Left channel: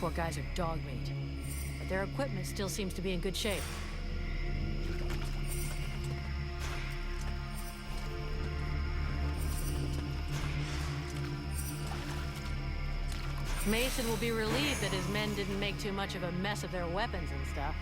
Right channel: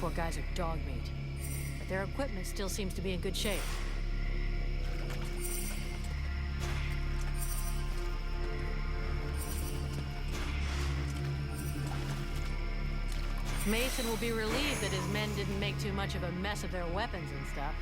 Poor guys are dog meat, but their equipment still seems to be in good shape. Mason will be relieved that his men didn't make too much of a mess of their weapons and stuff.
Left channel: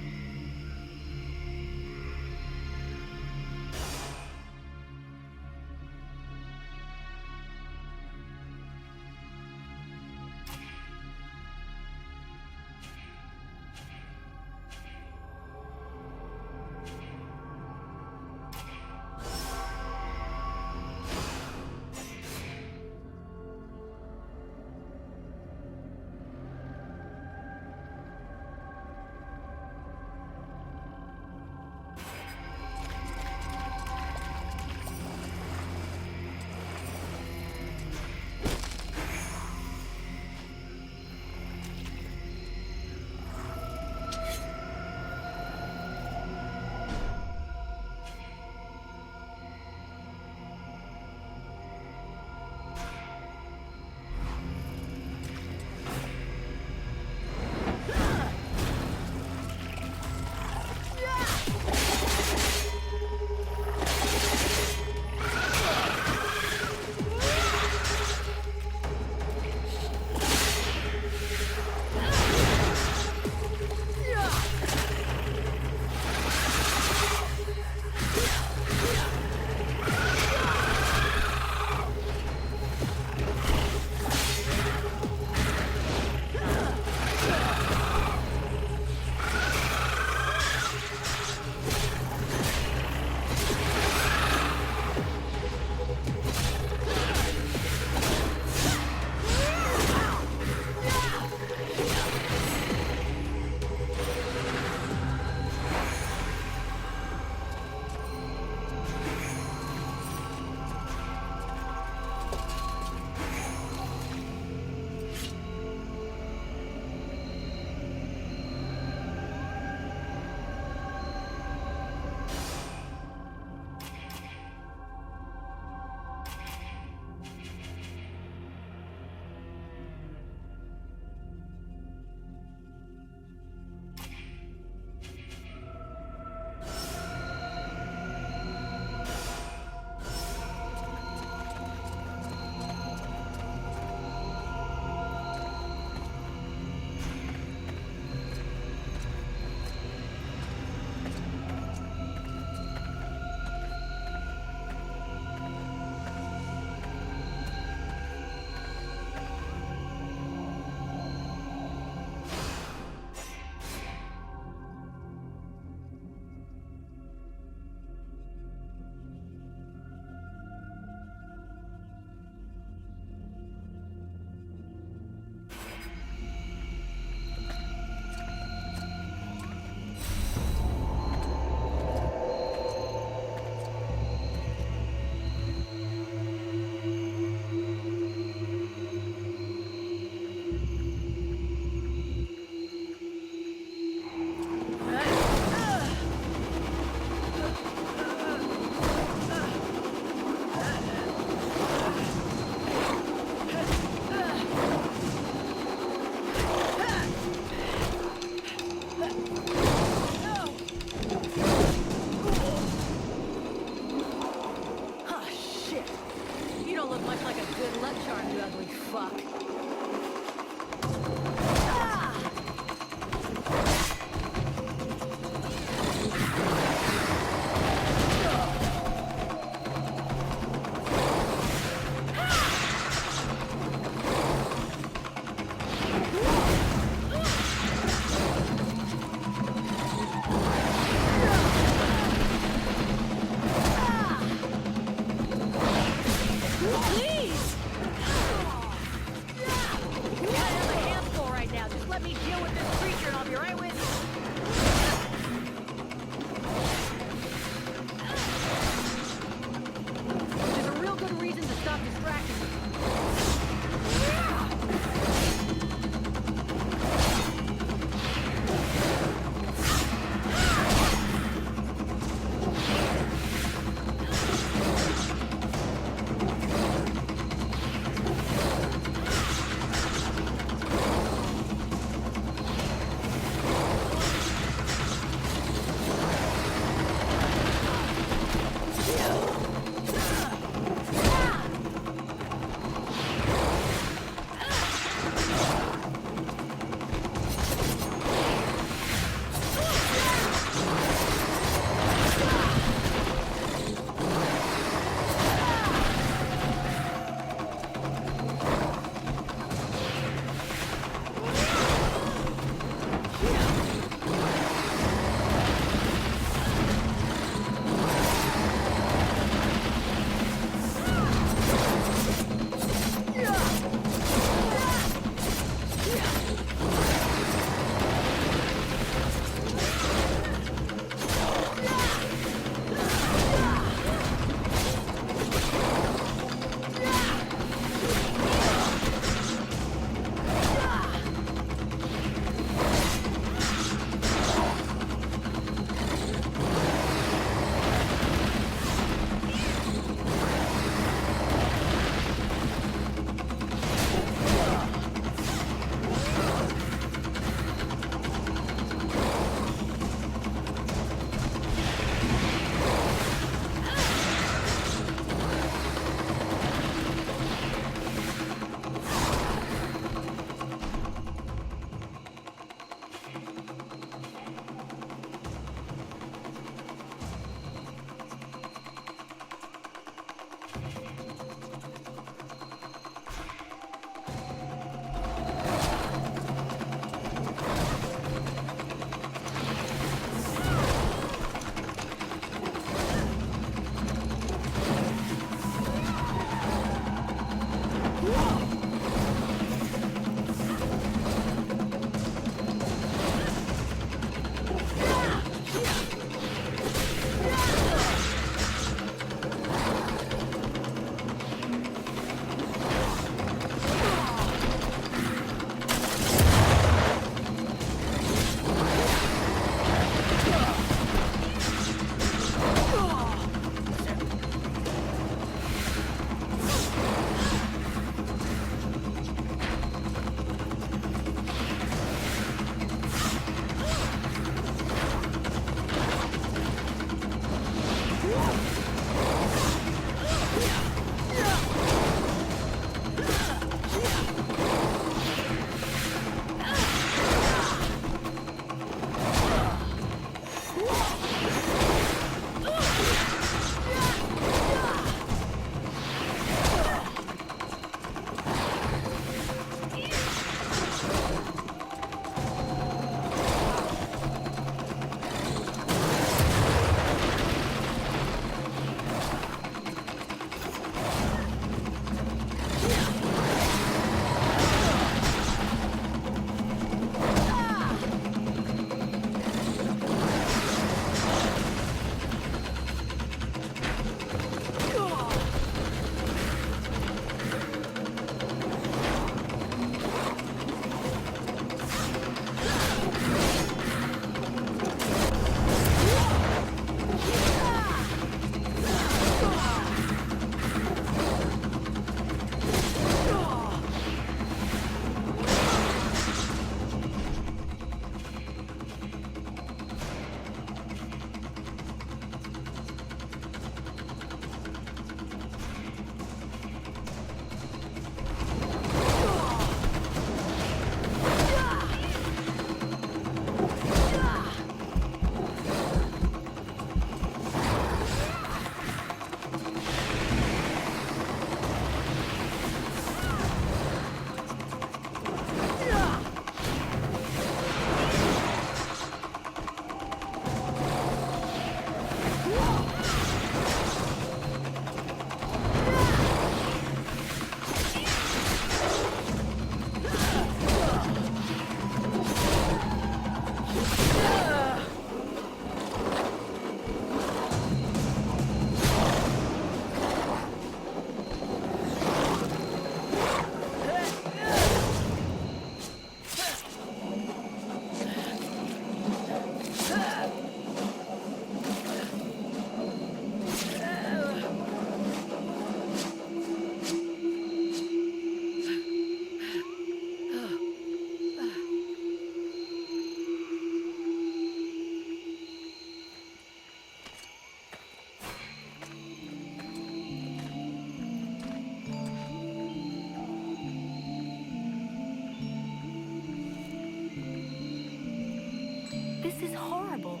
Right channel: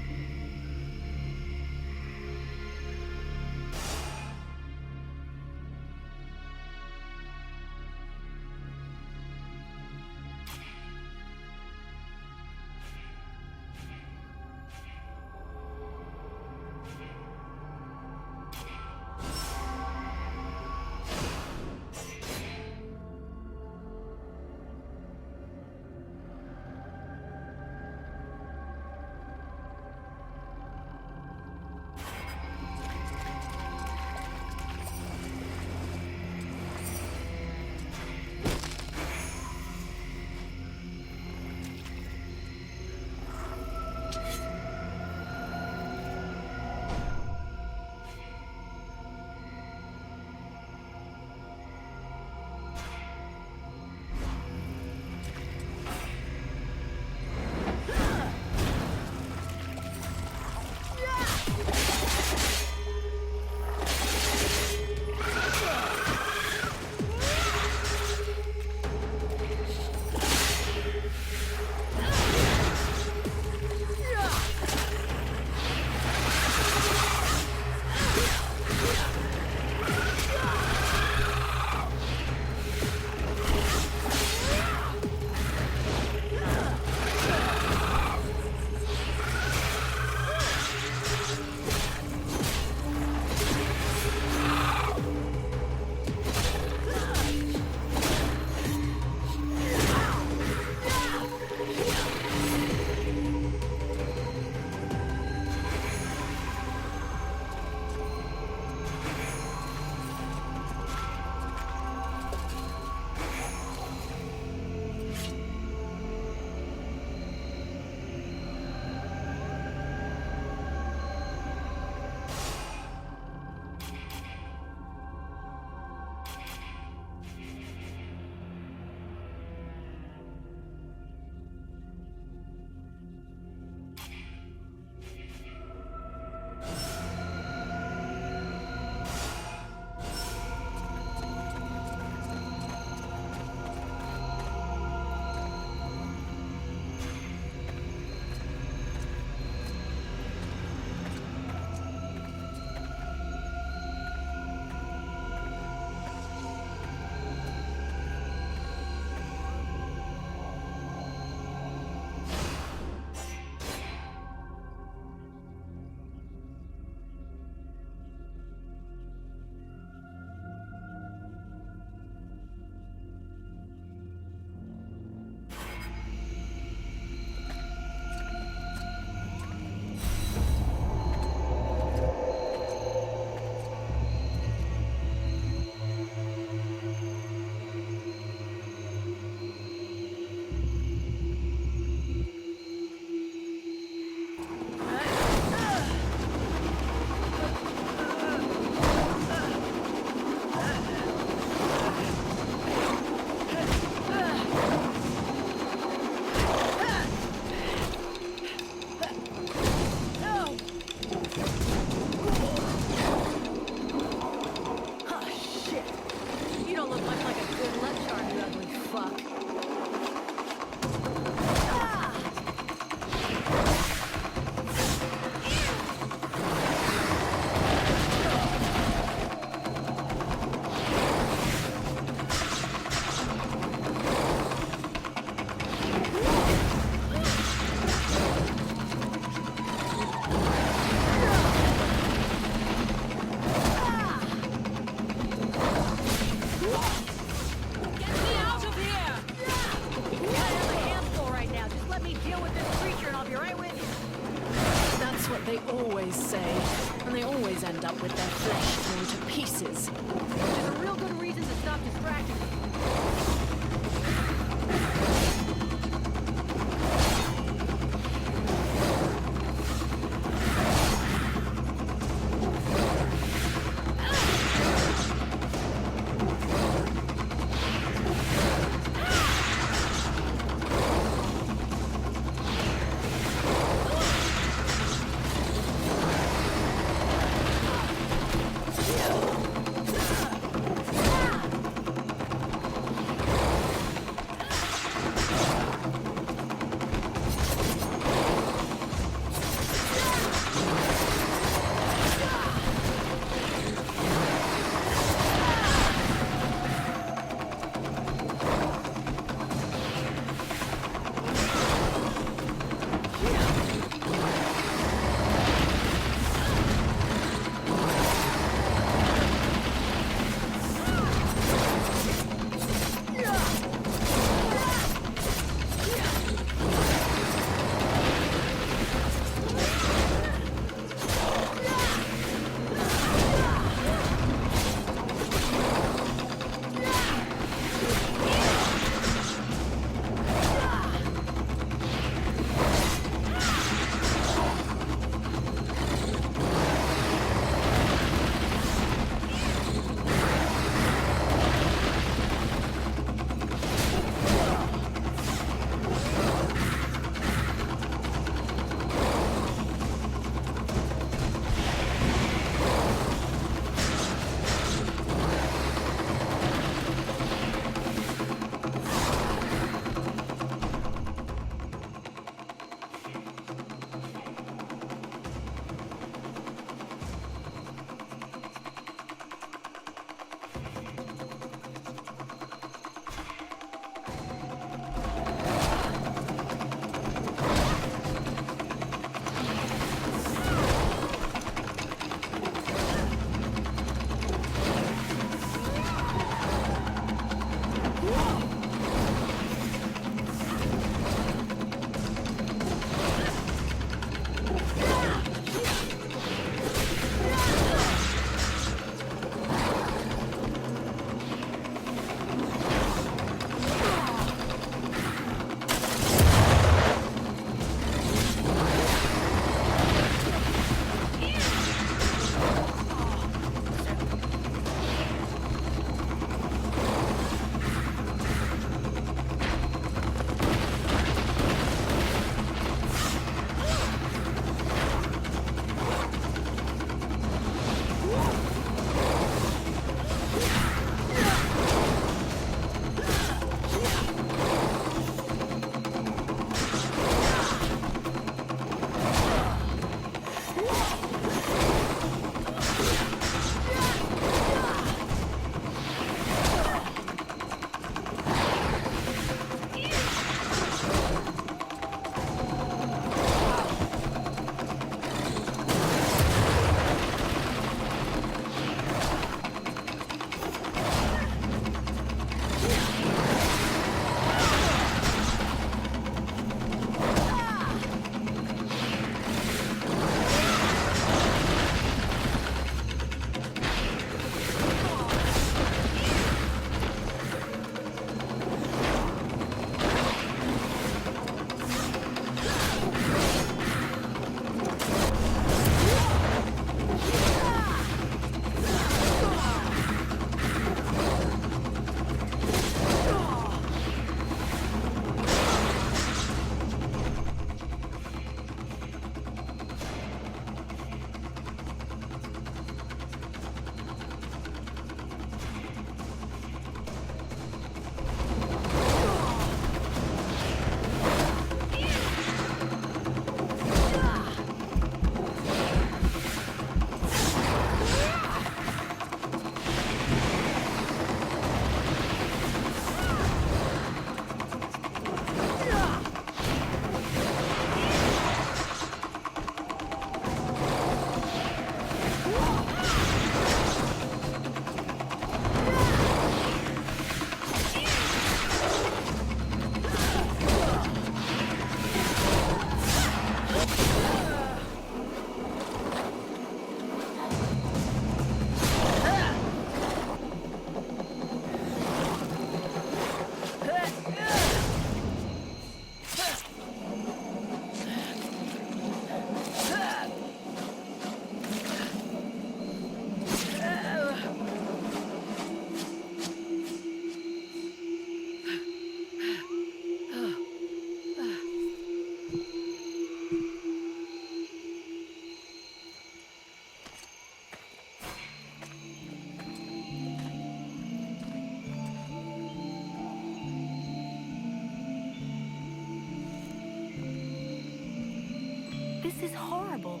This is horrible.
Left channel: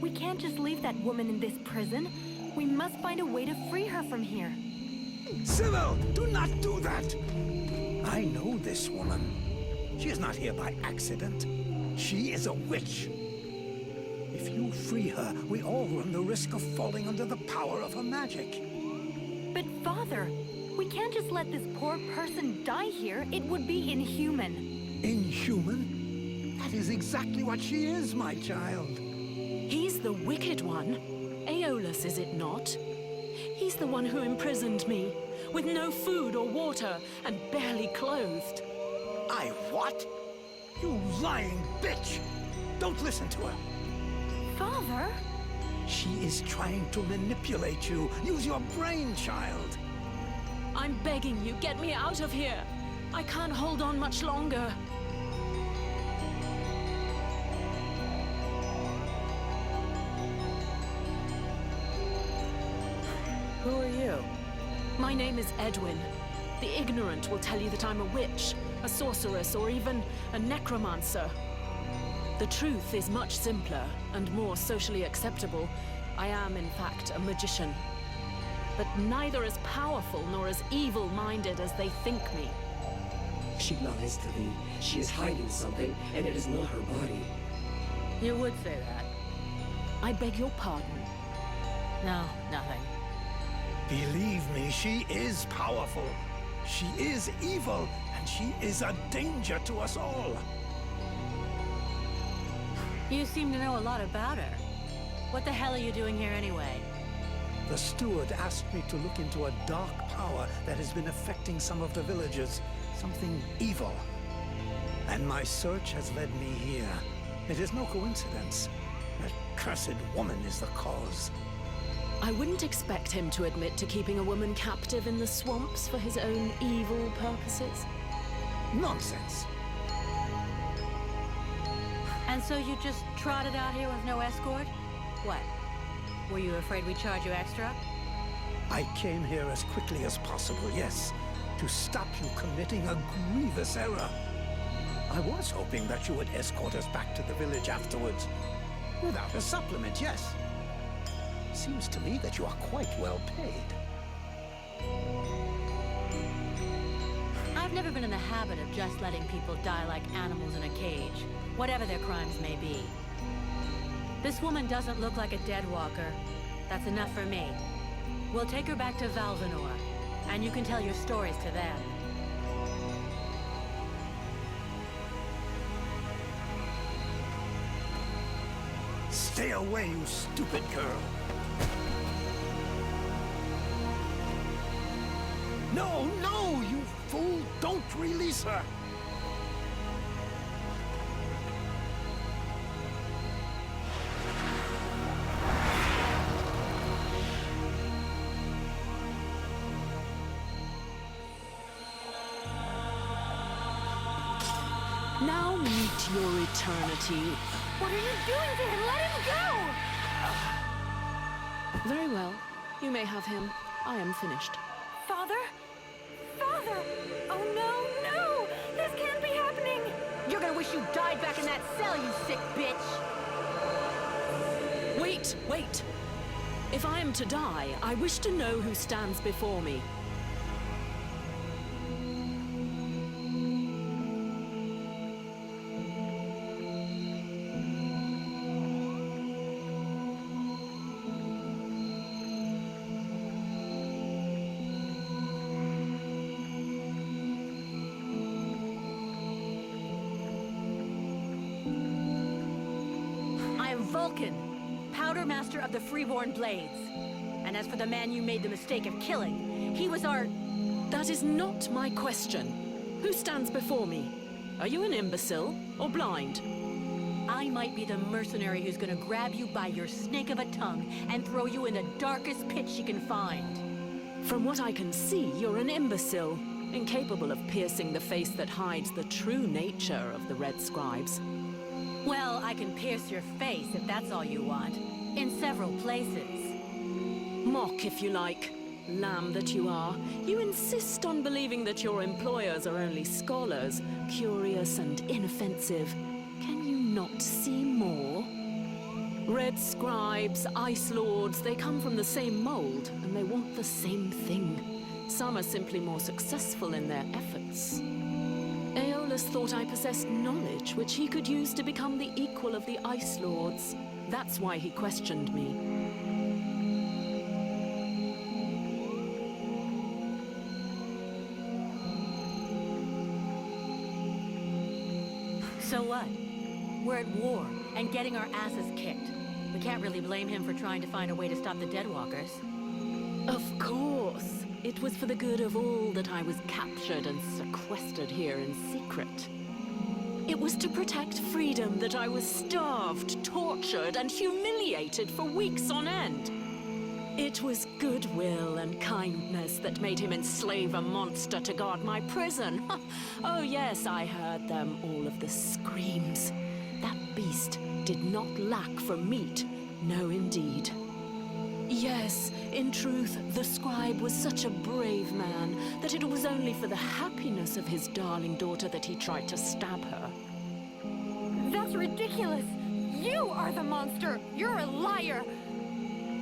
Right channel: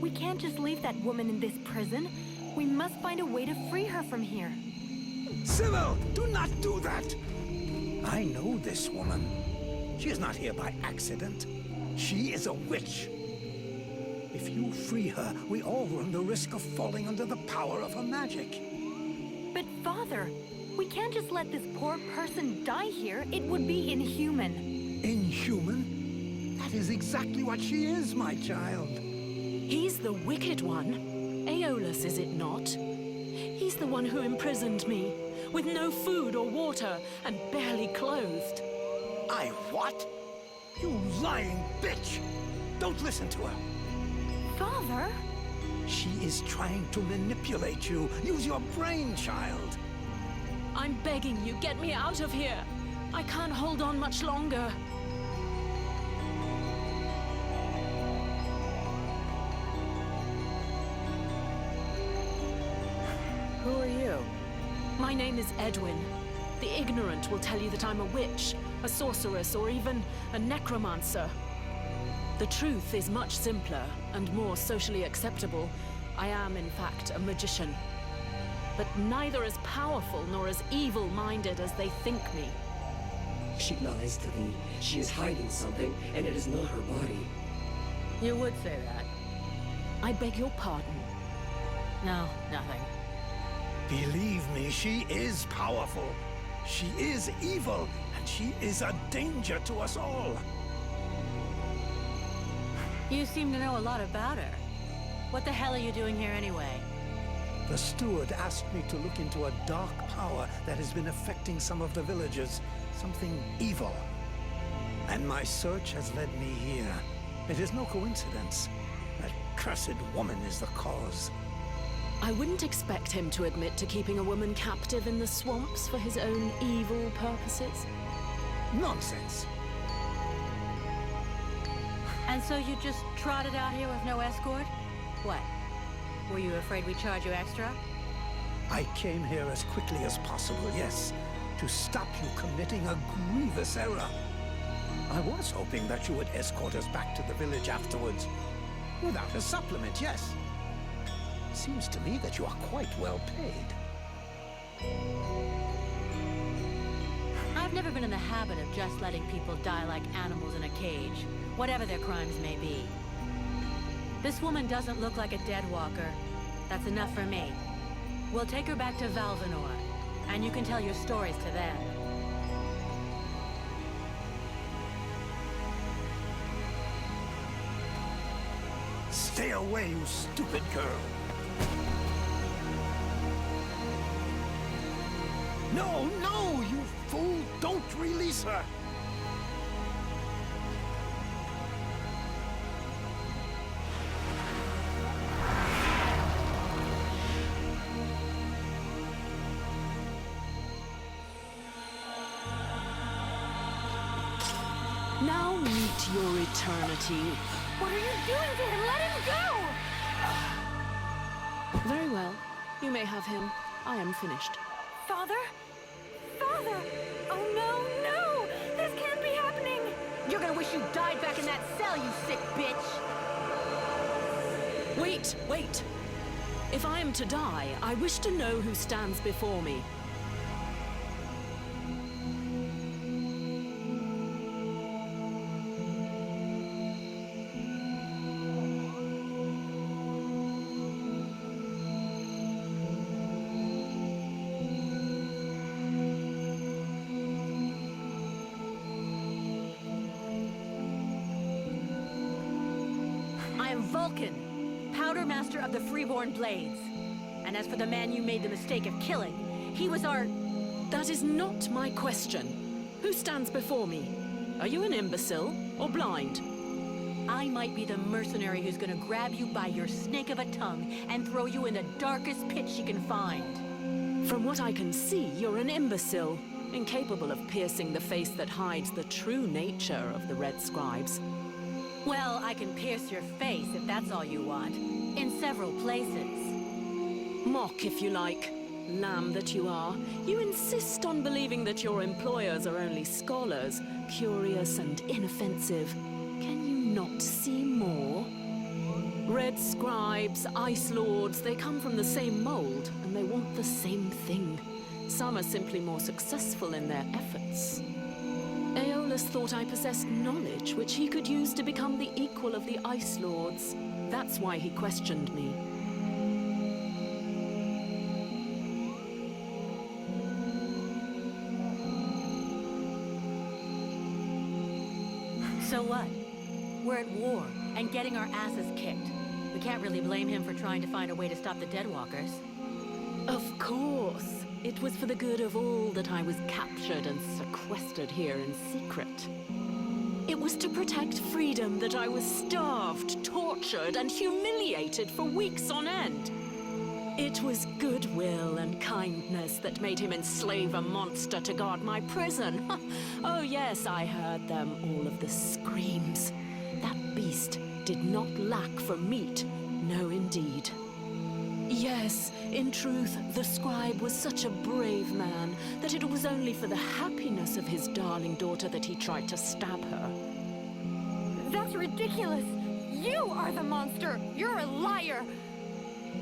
We can't just leave that woman in this prison. We must find a way to free her from here. Sybil, do not do that! I know this woman. She is not here by accident. She is a witch. If you free her, we all run the risk of falling under the power of her magic. But Father, we can't just let this poor person die here. It would be inhuman. Inhuman? That is exactly what she is, my child. He's the wicked one. Aeolus, is it not? He's the one who imprisoned me, with no food or water, and barely clothed. I what? You lying bitch! Don't listen to her. Father? She is trying to manipulate you. Use your brain, child. I'm begging you, get me out of here. I can't hold on much longer. Who are you? My name is Edwin. The ignorant will tell you that I'm a witch, a sorceress, or even a necromancer. The truth is much simpler and more socially acceptable. I am, in fact, a magician. But neither as powerful nor as evil-minded as they think me. She lies to thee. She is hiding something, and it is not her body. You would say that. I beg your pardon. No, nothing. Believe me, she is powerful. She is evil, and she is a danger to us all. You seem to know a lot about her. What the hell are you doing here anyway? The steward asked me to look into a dark power that has been affecting some of the villagers. Something evil. And my search has led me here. It is no coincidence. That cursed woman is the cause. I wouldn't expect him to admit to keeping a woman captive in the swamps for his own evil purposes. Nonsense. And so you just trotted out here with no escort? What? Were you afraid we'd charge you extra? I came here as quickly as possible, yes, to stop you committing a grievous error. I was hoping that you would escort us back to the village afterwards. Without a supplement, yes. Seems to me that you are quite well paid. I've never been in the habit of just letting people die like animals in a cage, whatever their crimes may be. This woman doesn't look like a dead walker. That's enough for me. We'll take her back to Valvanor, and you can tell your stories to them. Stay away, you stupid girl. No, no, you fool! Don't release her! Now meet your eternity. What are you doing to him? Let him go! Very well. You may have him. I am finished. Father? Father! Oh no, no! This can't be happening! You're gonna wish you died back in that cell, you sick bitch! Wait, wait! If I am to die, I wish to know who stands before me. I am Vulcan, Powder Master of the Freeborn Blades. And as for the man you made the mistake of killing, he was our... That is not my question. Who stands before me? Are you an imbecile or blind? I might be the mercenary who's gonna grab you by your snake of a tongue and throw you in the darkest pit she can find. From what I can see, you're an imbecile, incapable of piercing the face that hides the true nature of the Red Scribes. Well, I can pierce your face if that's all you want, in several places. Mock, if you like. Lamb that you are. You insist on believing that your employers are only scholars, curious and inoffensive. Can you not see more? Red scribes, ice lords, they come from the same mold, and they want the same thing. Some are simply more successful in their efforts. Aeolus thought I possessed knowledge which he could use to become the equal of the Ice Lords. That's why he questioned me. So what? We're at war and getting our asses kicked. We can't really blame him for trying to find a way to stop the Deadwalkers. Of course. It was for the good of all that I was captured and sequestered here in secret. It was to protect freedom that I was starved, tortured, and humiliated for weeks on end. It was goodwill and kindness that made him enslave a monster to guard my prison. Oh yes, I heard them, all of the screams. That beast did not lack for meat. No, indeed. Yes, in truth, the scribe was such a brave man that it was only for the happiness of his darling daughter that he tried to stab her. That's ridiculous! You are the monster! You're a liar!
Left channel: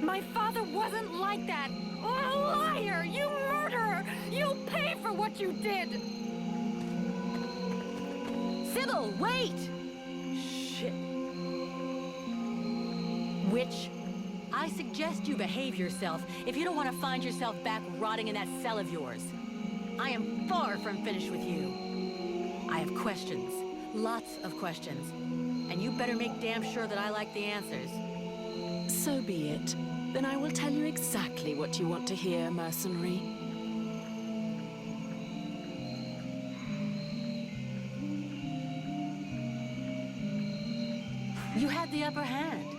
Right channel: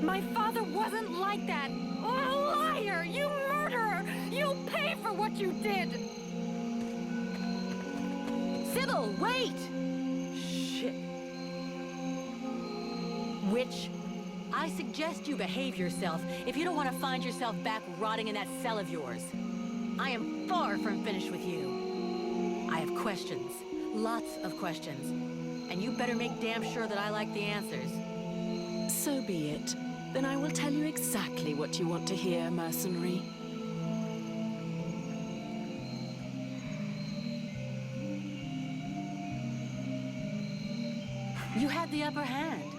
My father wasn't like that! A liar! You murderer! You'll pay for what you did! Sybil, wait! Shit. Witch, I suggest you behave yourself if you don't want to find yourself back rotting in that cell of yours. I am far from finished with you. I have questions. Lots of questions. And you better make damn sure that I like the answers. So be it. Then I will tell you exactly what you want to hear, mercenary. You had the upper hand.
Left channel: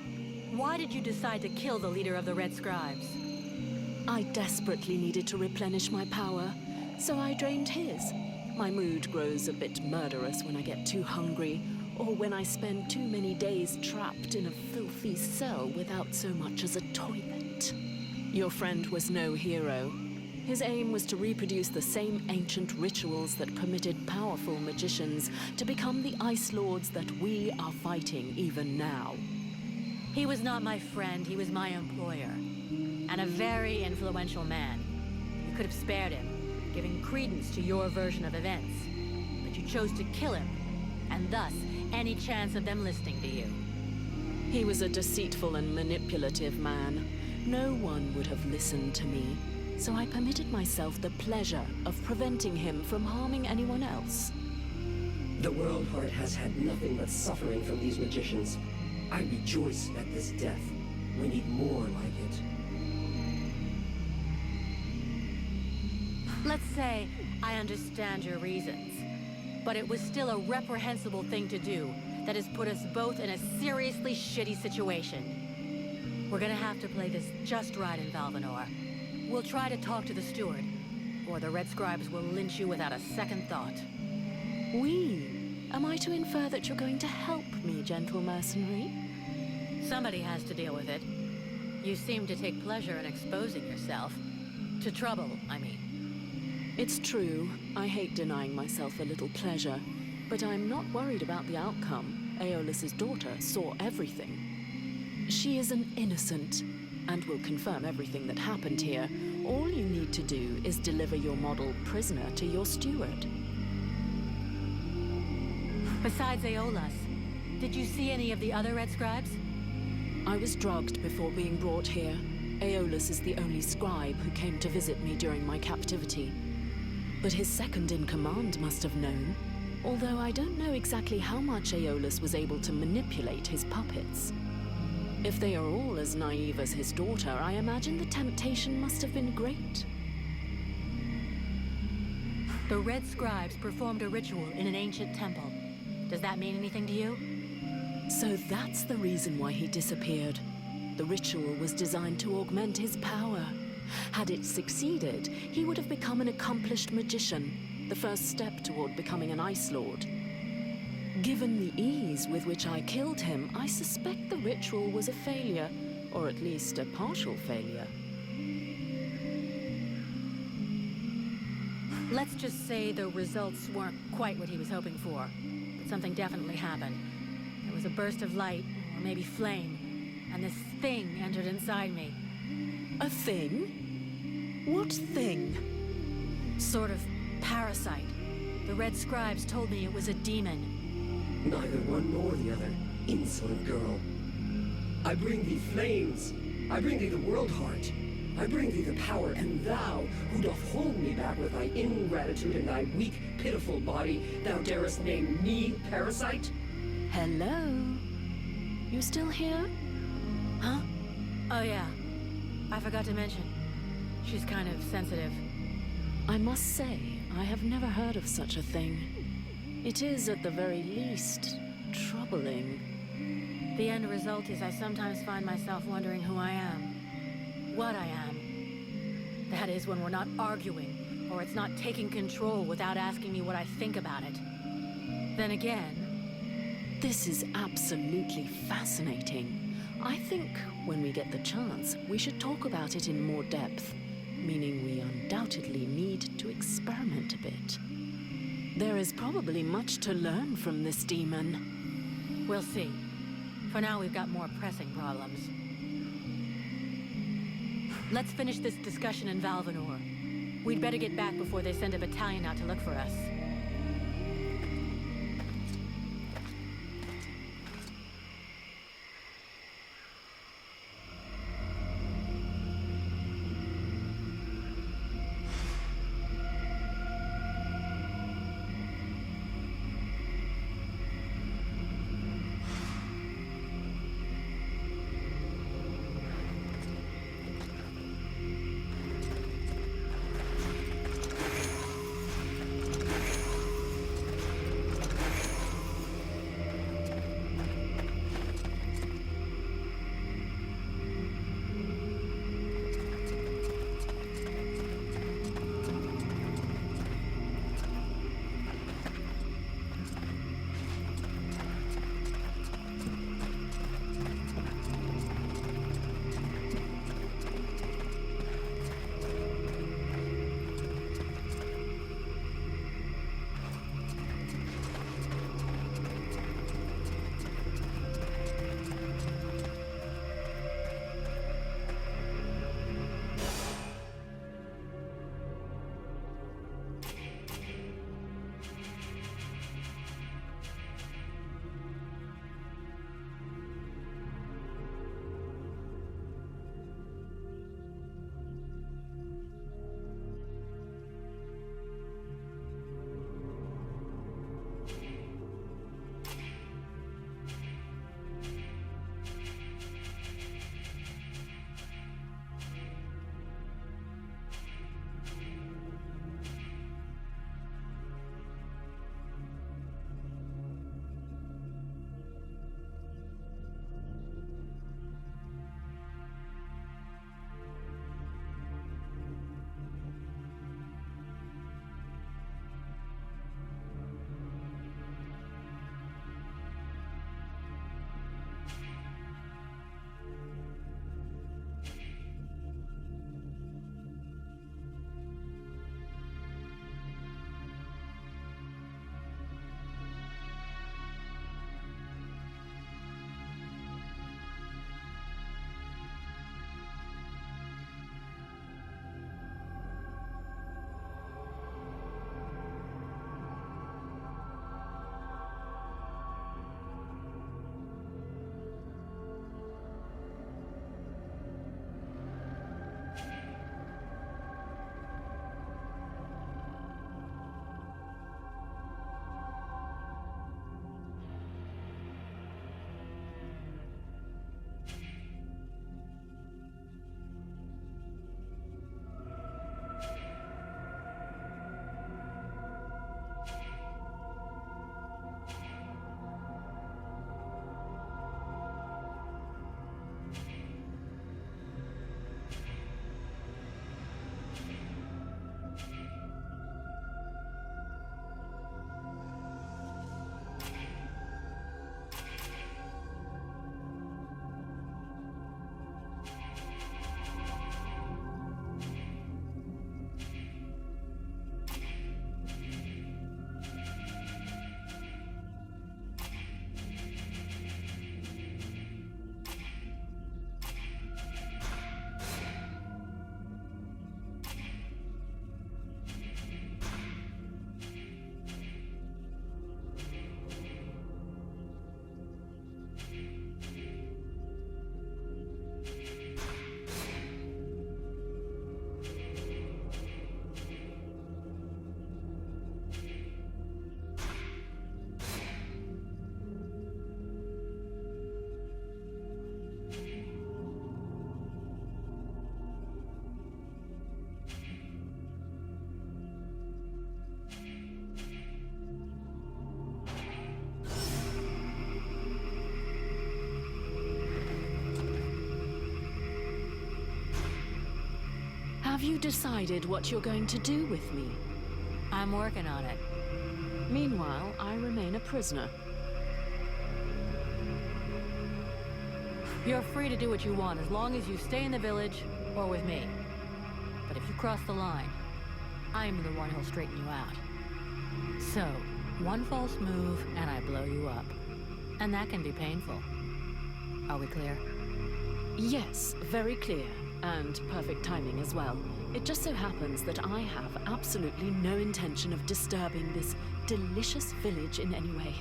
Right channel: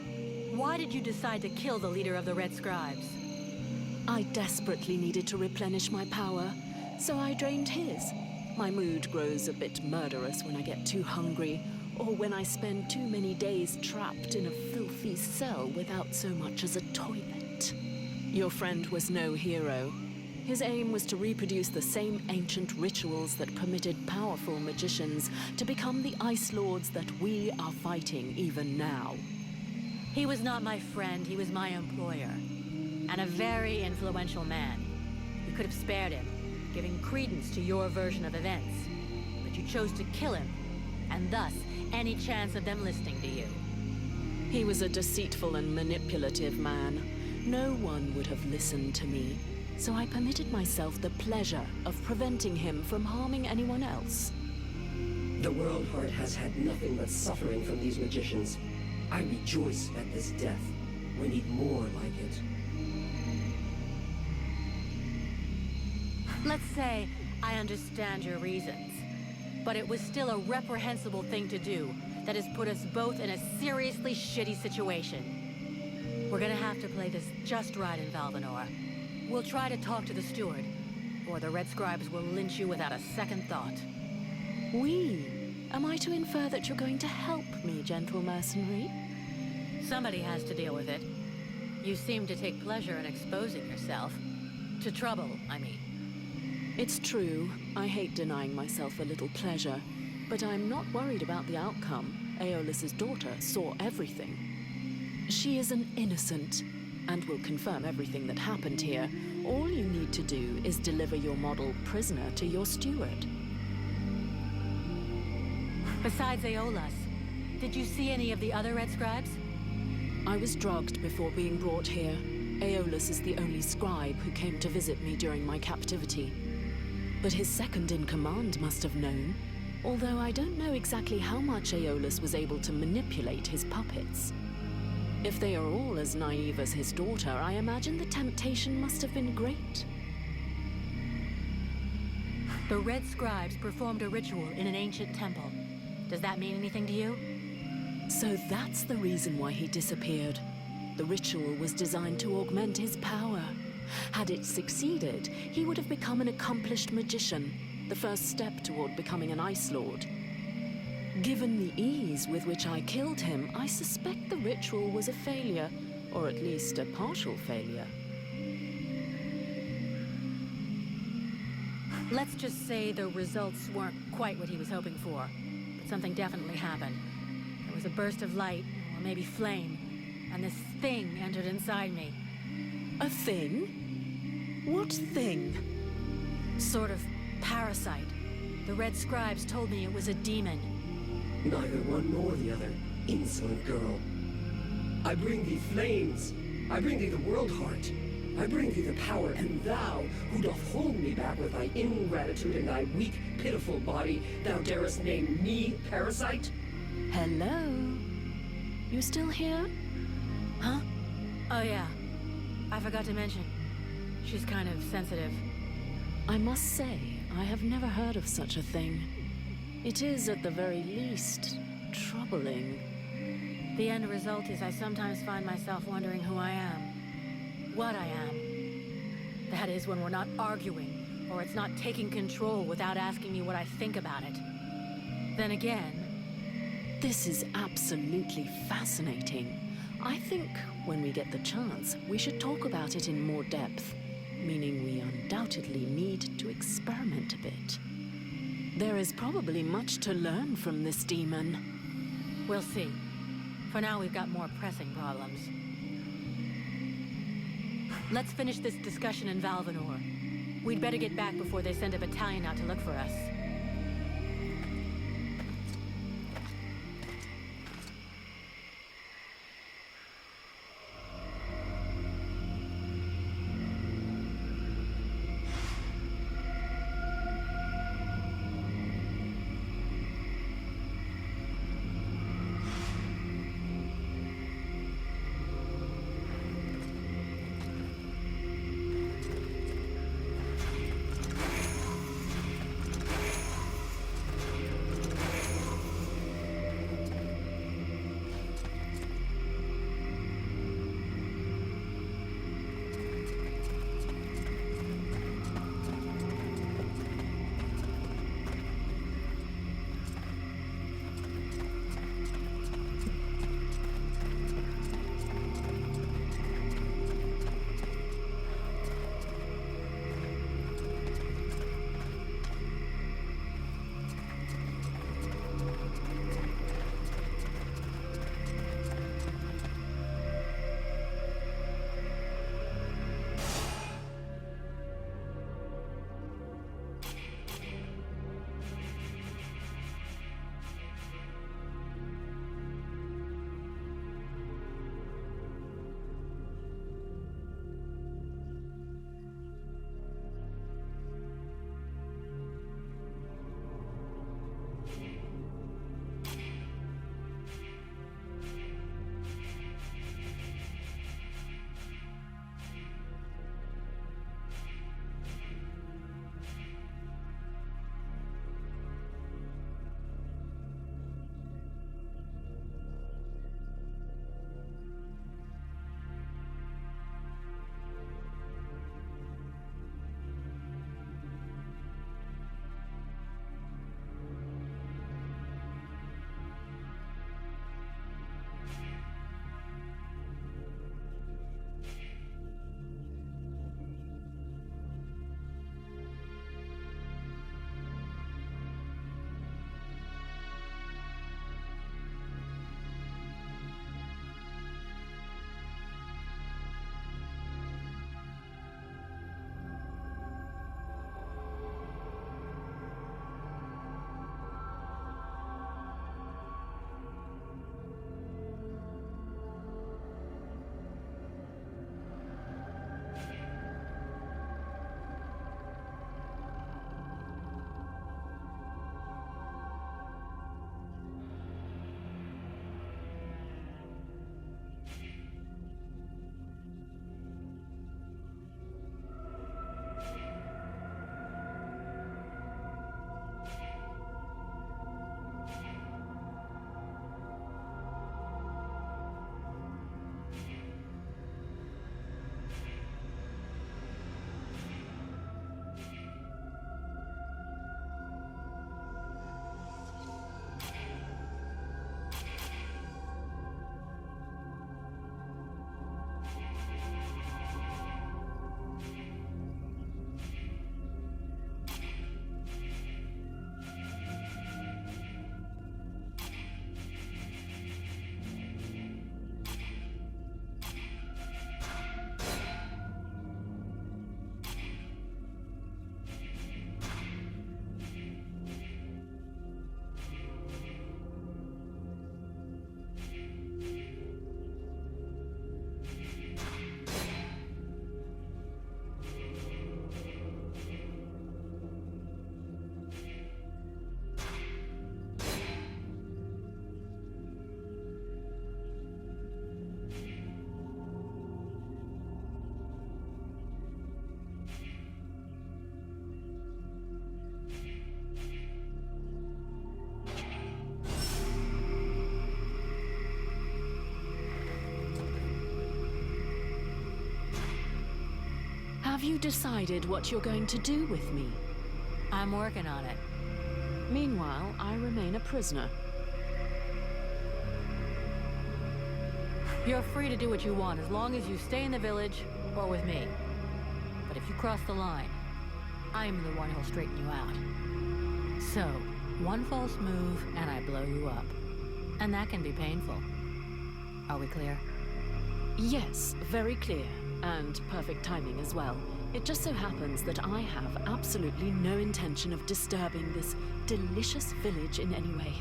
Why did you decide to kill the leader of the Red Scribes? I desperately needed to replenish my power, so I drained his. My mood grows a bit murderous when I get too hungry, or when I spend too many days trapped in a filthy cell without so much as a toilet. Your friend was no hero. His aim was to reproduce the same ancient rituals that permitted powerful magicians to become the Ice Lords that we are fighting even now. He was not my friend, he was my employer. And a very influential man. You could have spared him, giving credence to your version of events. But you chose to kill him, and thus any chance of them listening to you. He was a deceitful and manipulative man. No one would have listened to me, so I permitted myself the pleasure of preventing him from harming anyone else. The World Heart has had nothing but suffering from these magicians. I rejoice at this death. We need more like it. Let's say I understand your reasons, but it was still a reprehensible thing to do that has put us both in a seriously shitty situation. We're gonna have to play this just right in Valvanor. We'll try to talk to the steward, or the Red Scribes will lynch you without a second thought. We? Am I to infer that you're going to help me, gentle mercenary? Somebody has to deal with it. You seem to take pleasure in exposing yourself. To trouble, I mean. It's true. I hate denying myself a little pleasure, but I'm not worried about the outcome. Aeolus's daughter saw everything. She is an innocent, and will confirm everything that happened here. All you need to do is deliver your model prisoner to your steward. Besides Aeolus, did you see any of the other Red Scribes? I was drugged before being brought here. Aeolus is the only scribe who came to visit me during my captivity. But his second-in-command must have known, although I don't know exactly how much Aeolus was able to manipulate his puppets. If they are all as naive as his daughter, I imagine the temptation must have been great. The Red Scribes performed a ritual in an ancient temple. Does that mean anything to you? So that's the reason why he disappeared. The ritual was designed to augment his power. Had it succeeded, he would have become an accomplished magician, the first step toward becoming an Ice Lord. Given the ease with which I killed him, I suspect the ritual was a failure, or at least a partial failure. Let's just say the results weren't quite what he was hoping for, but something definitely happened. There was a burst of light, or maybe flame, and this thing entered inside me. A thing? What thing? Sort of parasite. The Red Scribes told me it was a demon. Neither one nor the other, insolent girl. I bring thee flames. I bring thee the world heart. I bring thee the power, and thou, who doth hold me back with thy ingratitude and thy weak, pitiful body, thou darest name me parasite? Hello? You still here? Huh? Oh yeah. I forgot to mention. She's kind of sensitive. I must say, I have never heard of such a thing. It is, at the very least, troubling. The end result is I sometimes find myself wondering who I am. What I am. That is, when we're not arguing, or it's not taking control without asking me what I think about it. Then again... This is absolutely fascinating. I think, when we get the chance, we should talk about it in more depth. Meaning we undoubtedly need to experiment a bit. There is probably much to learn from this demon. We'll see. For now, we've got more pressing problems. Let's finish this discussion in Valvanor. We'd better get back before they send a battalion out to look for us. Have you decided what you're going to do with me? I'm working on it. Meanwhile, I remain a prisoner. You're free to do what you want as long as you stay in the village or with me. But if you cross the line, I'm the one who'll straighten you out. So, one false move and I blow you up. And that can be painful. Are we clear? Yes, very clear. And perfect timing as well. It just so happens that I have absolutely no intention of disturbing this delicious village in any way.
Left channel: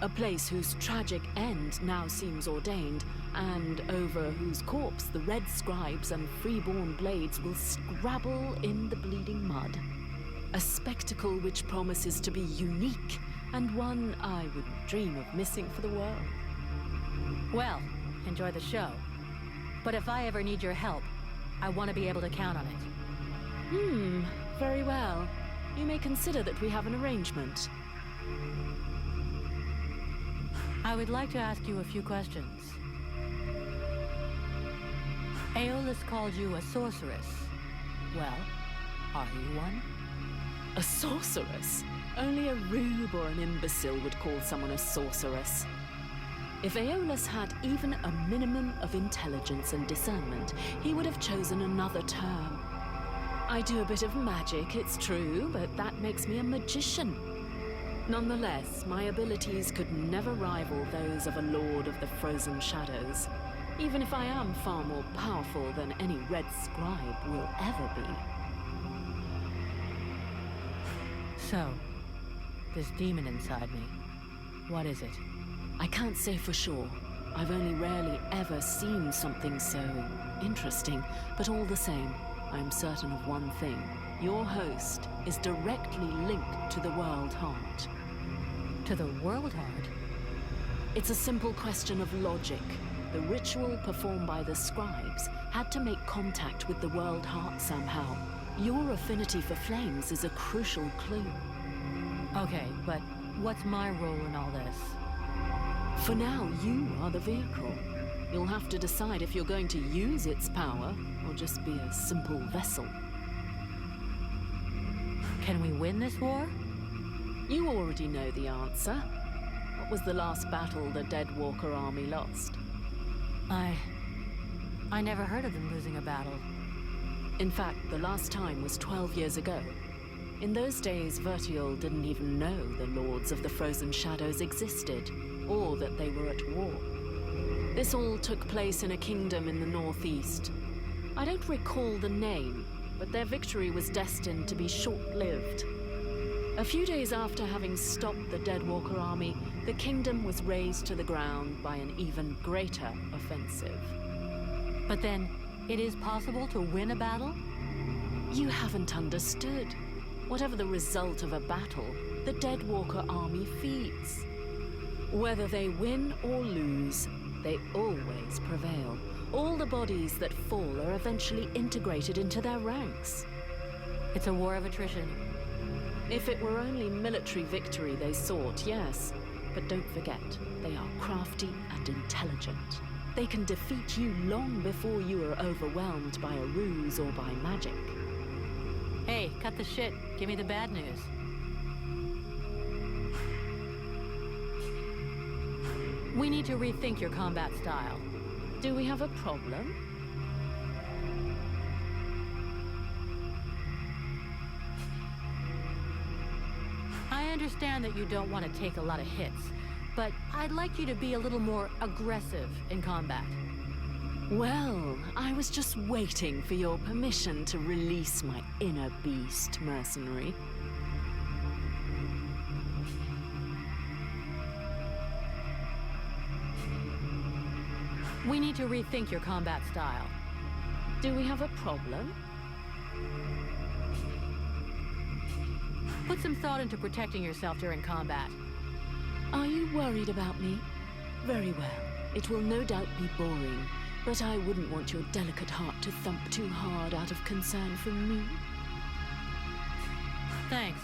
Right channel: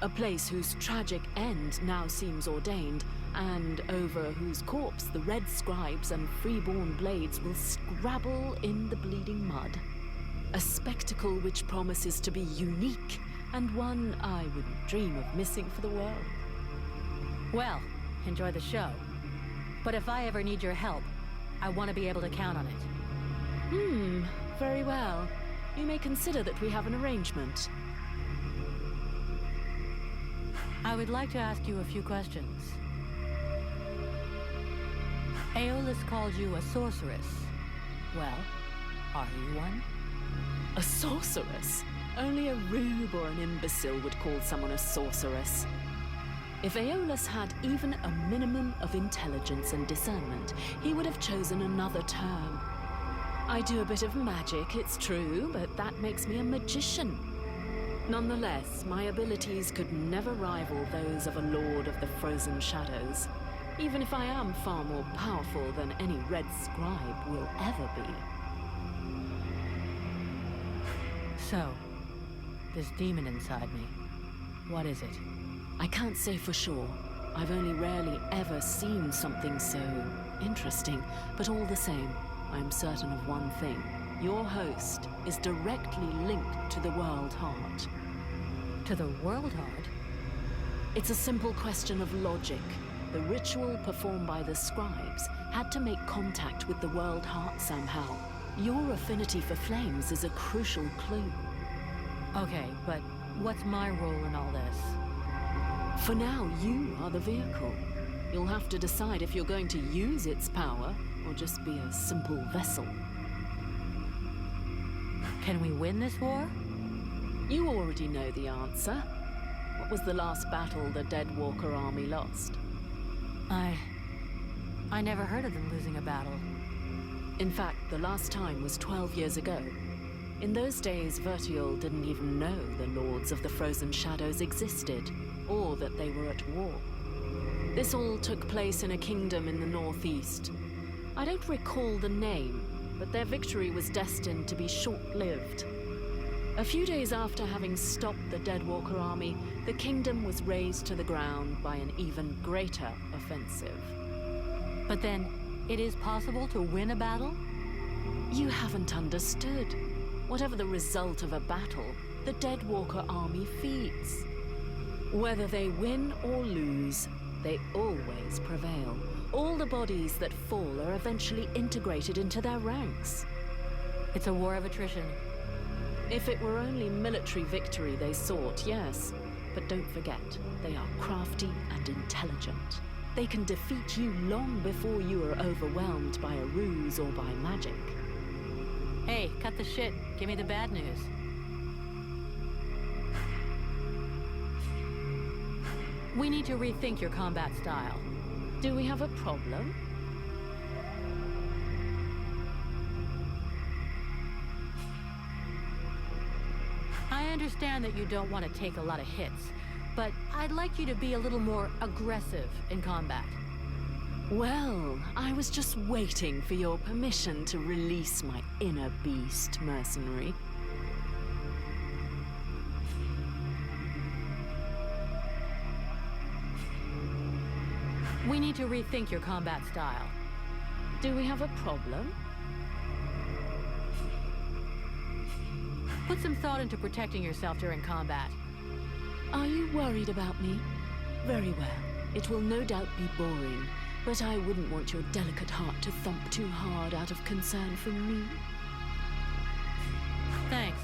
A place whose tragic end now seems ordained, and over whose corpse the red scribes and freeborn blades will scrabble in the bleeding mud. A spectacle which promises to be unique, and one I wouldn't dream of missing for the world. Well, enjoy the show. But if I ever need your help, I want to be able to count on it. Very well. You may consider that we have an arrangement. I would like to ask you a few questions. Aeolus called you a sorceress. Well, are you one? A sorceress? Only a rube or an imbecile would call someone a sorceress. If Aeolus had even a minimum of intelligence and discernment, he would have chosen another term. I do a bit of magic, it's true, but that makes me a magician. Nonetheless, my abilities could never rival those of a Lord of the Frozen Shadows, even if I am far more powerful than any Red Scribe will ever be. So, this demon inside me, what is it? I can't say for sure. I've only rarely ever seen something so interesting, but all the same, I'm certain of one thing. Your host is directly linked to the World Heart. To the World Heart? It's a simple question of logic. The ritual performed by the scribes had to make contact with the World Heart somehow. Your affinity for flames is a crucial clue. Okay, but what's my role in all this? For now, you are the vehicle. You'll have to decide if you're going to use its power or just be a simple vessel. Can we win this war? You already know the answer. What was the last battle the Deadwalker army lost? I never heard of them losing a battle. In fact, the last time was 12 years ago. In those days, Vertiol didn't even know the Lords of the Frozen Shadows existed, or that they were at war. This all took place in a kingdom in the northeast. I don't recall the name, but their victory was destined to be short-lived. A few days after having stopped the Deadwalker army, the kingdom was razed to the ground by an even greater offensive. But then, it is possible to win a battle? You haven't understood. Whatever the result of a battle, the Deadwalker army feeds. Whether they win or lose, they always prevail. All the bodies that fall are eventually integrated into their ranks. It's a war of attrition. If it were only military victory they sought, yes. But don't forget, they are crafty and intelligent. They can defeat you long before you are overwhelmed by a ruse or by magic. Hey, cut the shit. Give me the bad news. We need to rethink your combat style. Do we have a problem? I understand that you don't want to take a lot of hits, but I'd like you to be a little more aggressive in combat. Well, I was just waiting for your permission to release my inner beast, mercenary. We need to rethink your combat style. Do we have a problem? Put some thought into protecting yourself during combat. Are you worried about me? Very well. It will no doubt be boring, but I wouldn't want your delicate heart to thump too hard out of concern for me. Thanks.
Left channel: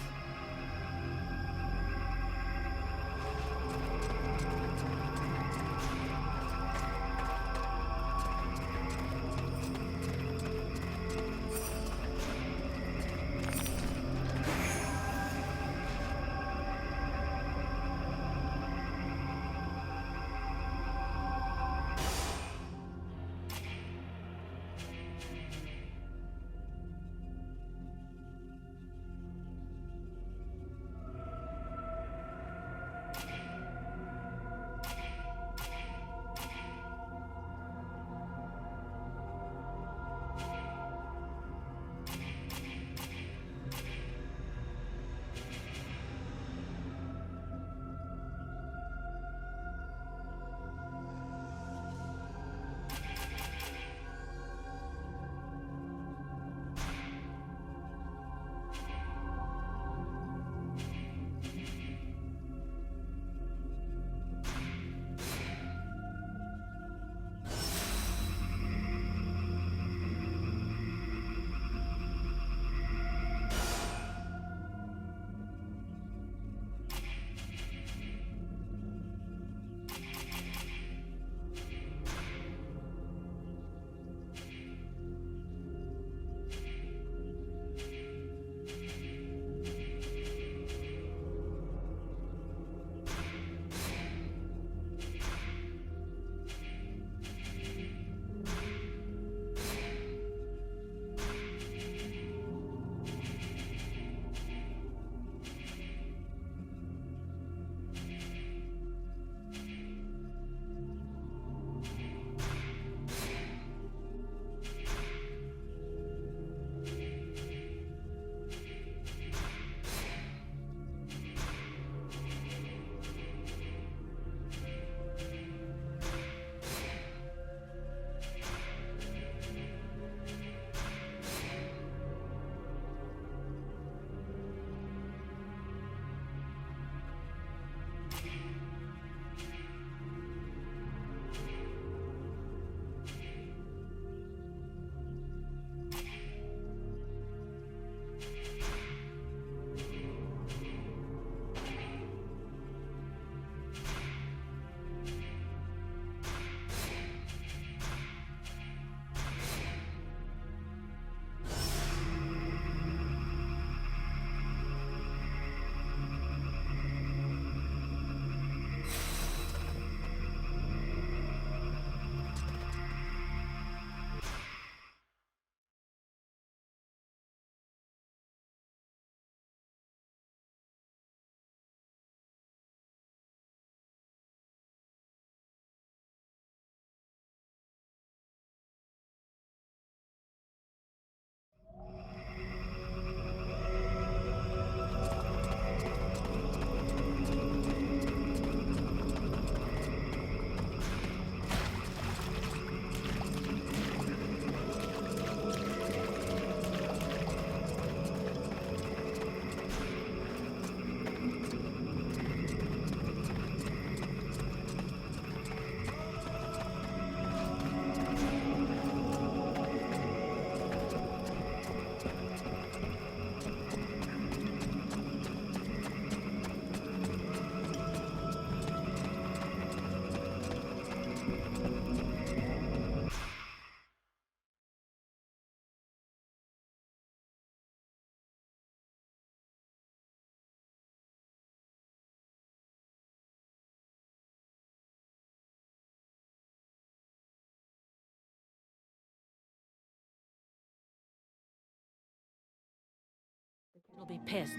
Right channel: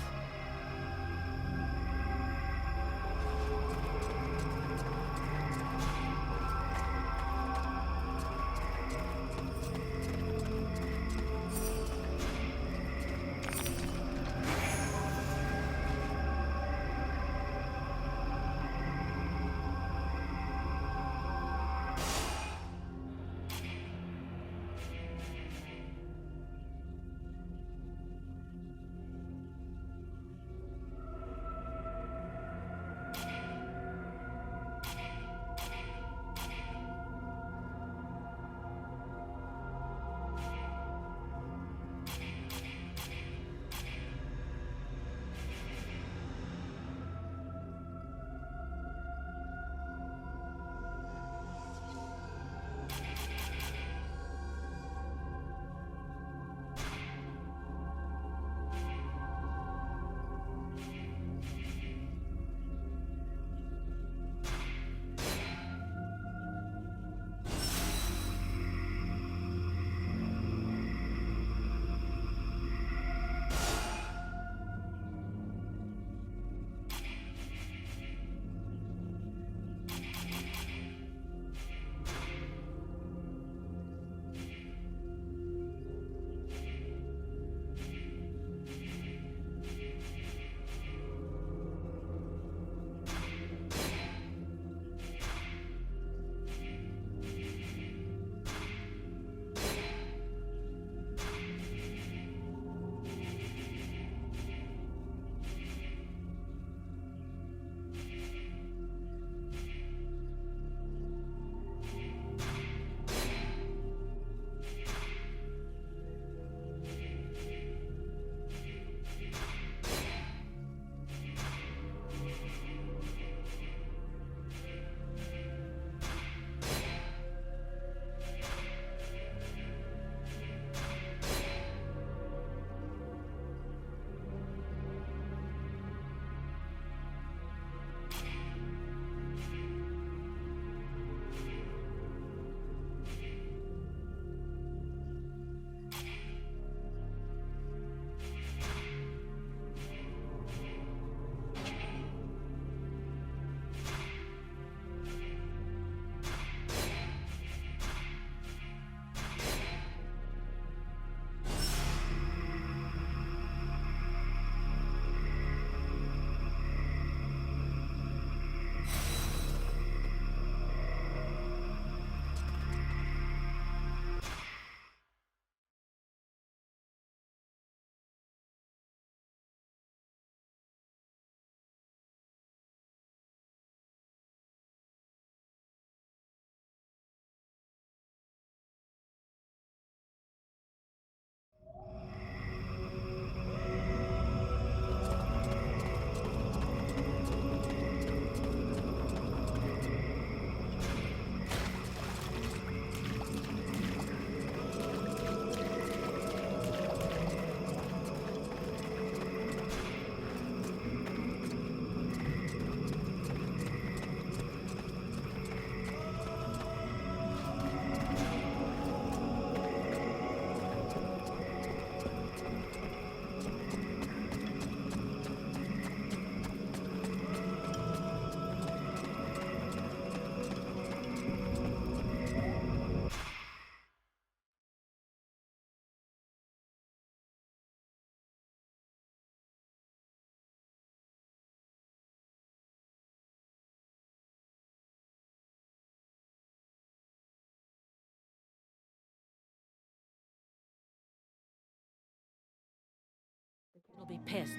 He'll be pissed,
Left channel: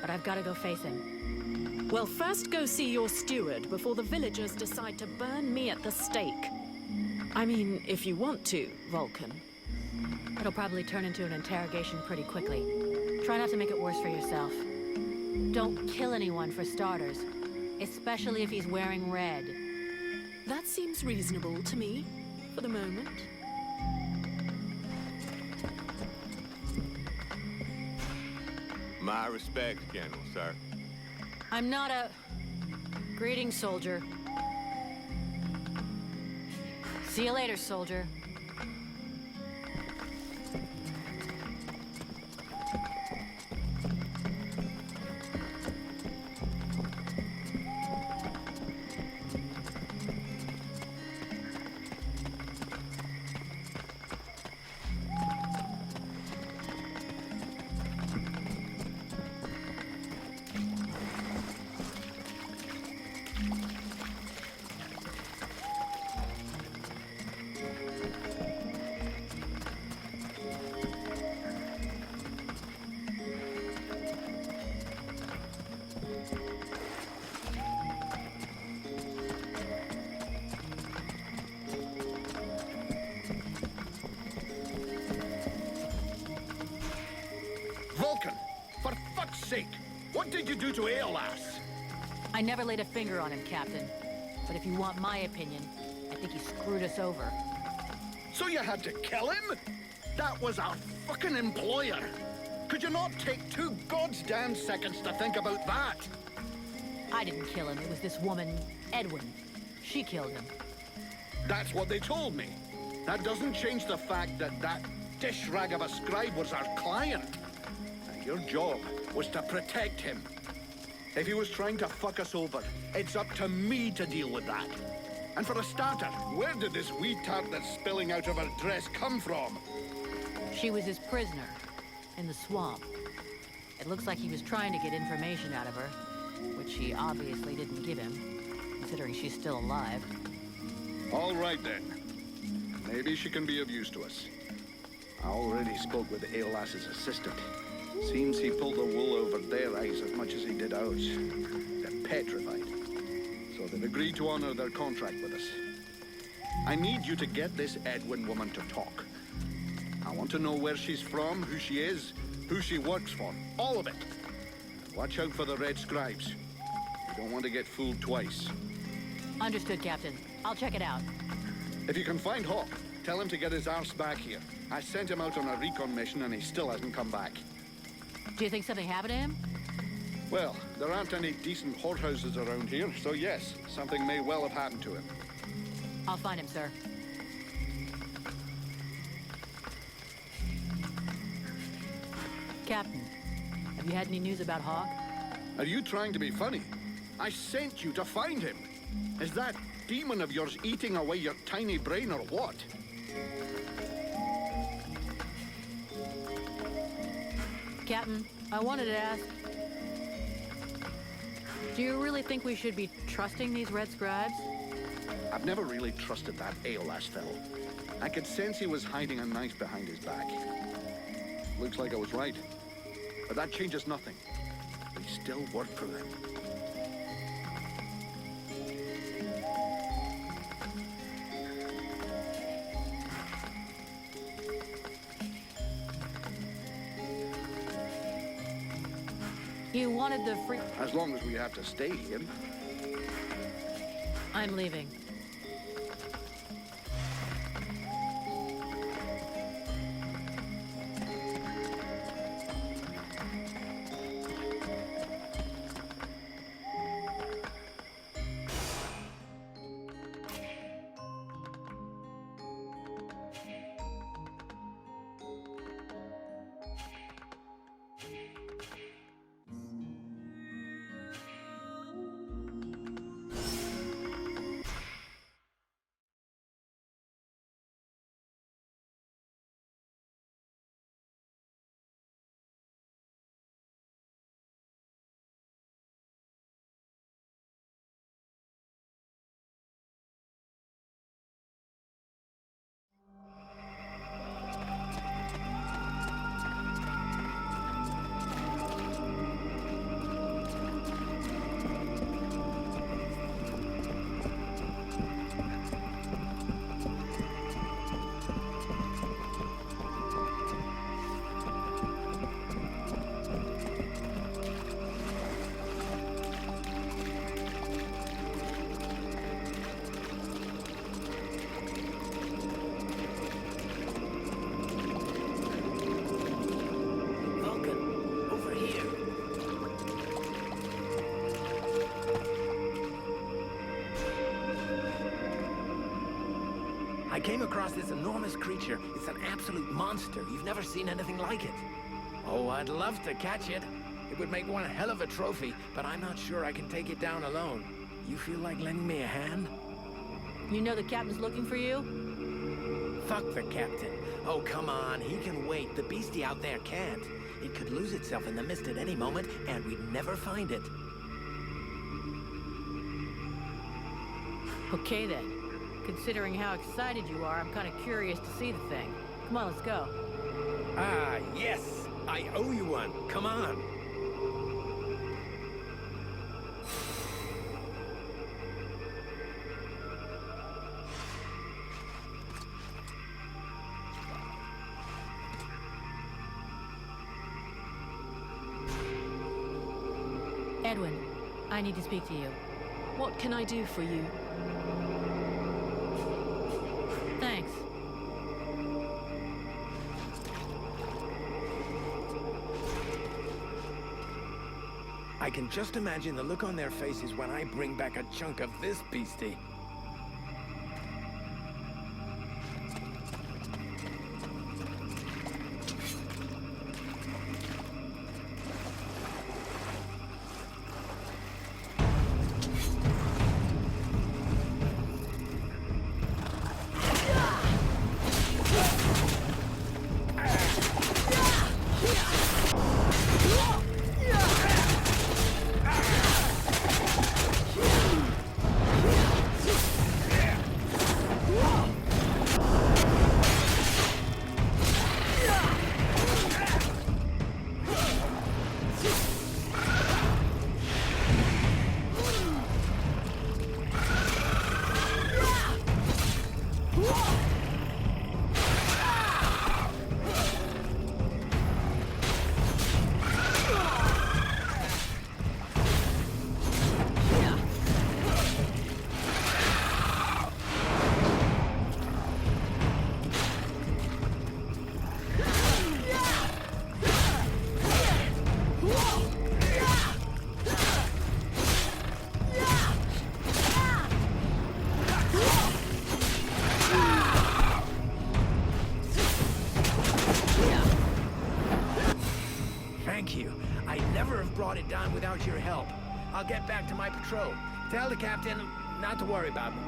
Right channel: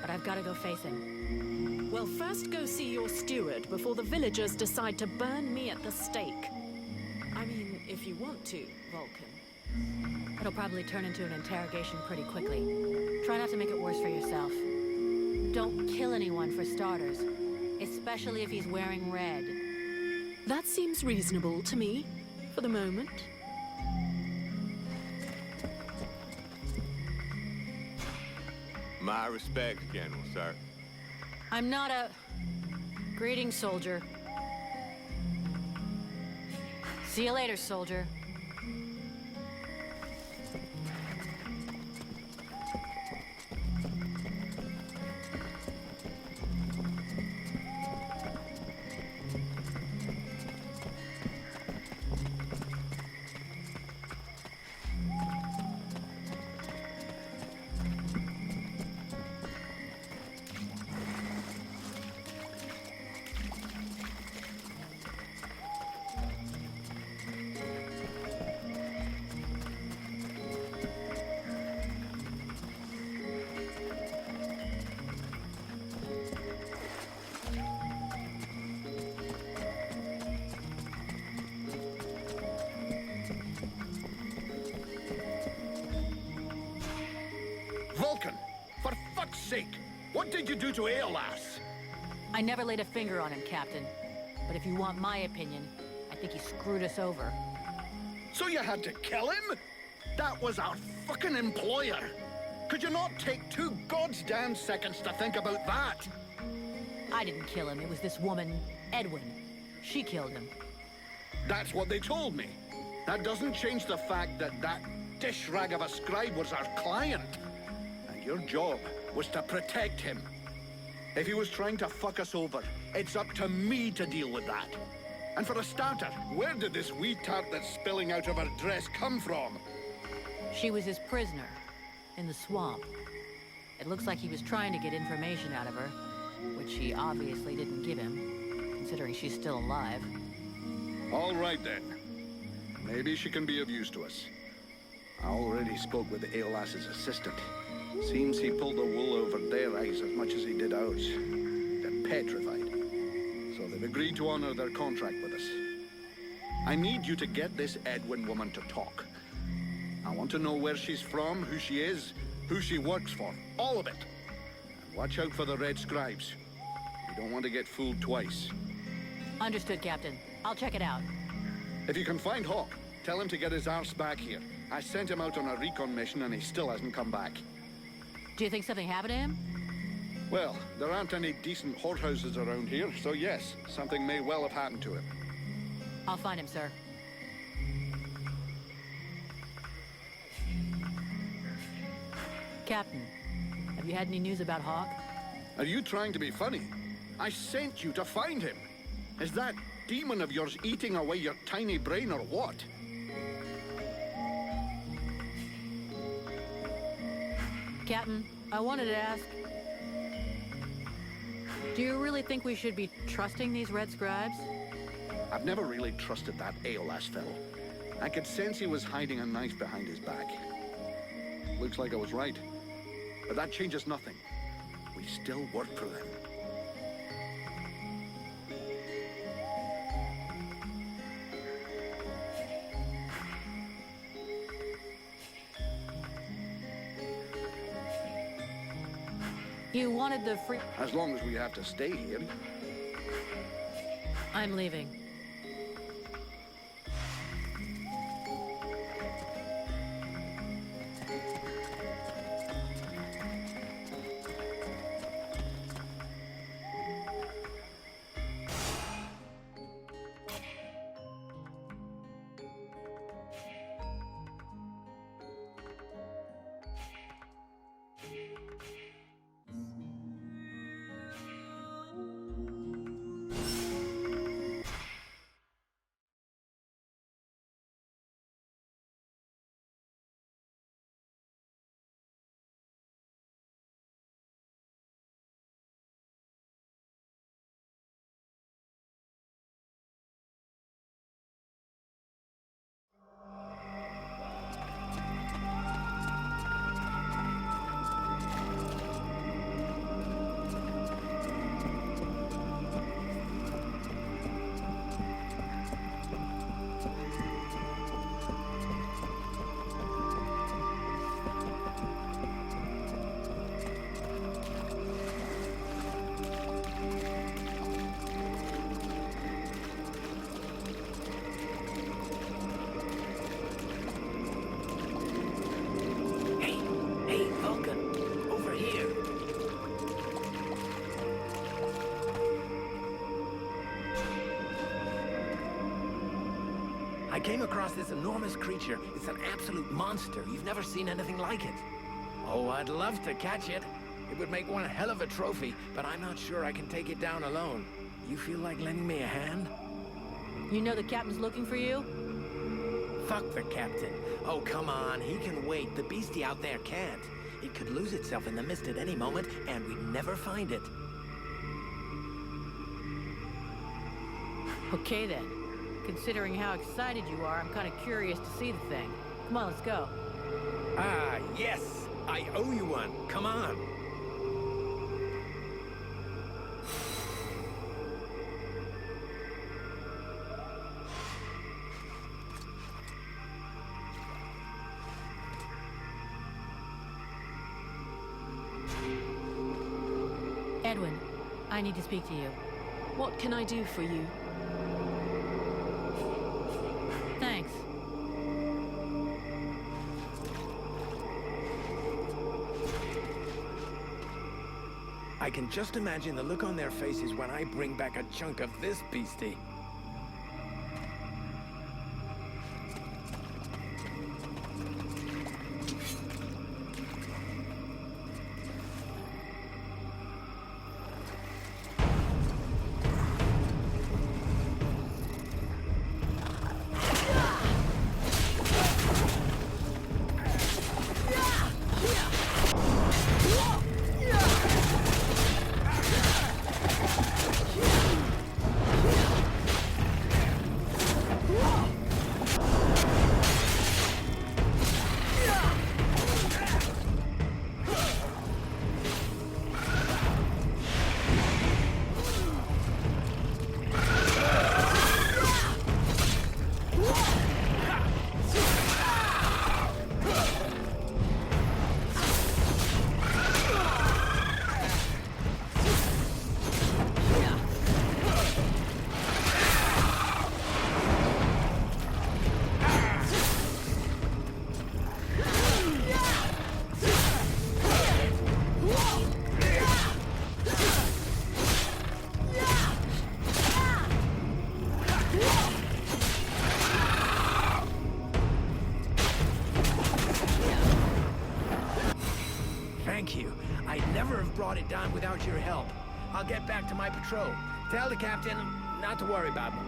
but I've got to go face him. Well, first go see your steward before the villagers decide to burn me at the stake. I mean, if you want to, Vulcan. It'll probably turn into an interrogation pretty quickly. Try not to make it worse for yourself. Don't kill anyone for starters, especially if he's wearing red. That seems reasonable to me, for the moment. My respects, General, sir. I'm not a... Greetings, soldier. See you later, soldier. Vulcan, for fuck's sake, what did you do to Aeolas? I never laid a finger on him, Captain. But if you want my opinion, I think he screwed us over. So you had to kill him? That was our fucking employer. Could you not take 2 goddamn seconds to think about that? I didn't kill him. It was this woman, Edwin. She killed him. That's what they told me. That doesn't change the fact that that dish rag of a scribe was our client. And your job was to protect him. If he was trying to fuck us over, it's up to me to deal with that. And for a starter, where did this wee tart that's spilling out of her dress come from? She was his prisoner, in the swamp. It looks like he was trying to get information out of her, which she obviously didn't give him, considering she's still alive. All right then. Maybe she can be of use to us. I already spoke with Aeolas's assistant. Seems he pulled the wool over their eyes as much as he did ours. They're petrified. So they've agreed to honor their contract with us. I need you to get this Edwin woman to talk. I want to know where she's from, who she is, who she works for. All of it. And watch out for the Red Scribes. You don't want to get fooled twice. Understood, Captain. I'll check it out. If you can find Hawk, tell him to get his arse back here. I sent him out on a recon mission and he still hasn't come back. Do you think something happened to him? Well, there aren't any decent whorehouses around here, so yes, something may well have happened to him. I'll find him, sir. Captain, have you had any news about Hawk? Are you trying to be funny? I sent you to find him. Is that demon of yours eating away your tiny brain or what? Captain, I wanted to ask... Do you really think we should be trusting these Red Scribes? I've never really trusted that Aeolas fellow. I could sense he was hiding a knife behind his back. Looks like I was right. But that changes nothing. We still work for them. You wanted the free... As long as we have to stay here. I'm leaving. came across this enormous creature. It's an absolute monster. You've never seen anything like it. Oh, I'd love to catch it. It would make one hell of a trophy, but I'm not sure I can take it down alone. You feel like lending me a hand? You know the captain's looking for you? Fuck the captain. Oh, come on. He can wait. The beastie out there can't. It could lose itself in the mist at any moment, and we'd never find it. Okay then. Considering how excited you are, I'm kind of curious to see the thing. Come on, let's go. Ah, yes! I owe you one. Come on. Edwin, I need to speak to you. What can I do for you? Thanks. I can just imagine the look on their faces when I bring back a chunk of this beastie. Thank you. I'd never have brought it down without your help. I'll get back to my patrol. Tell the captain not to worry about me.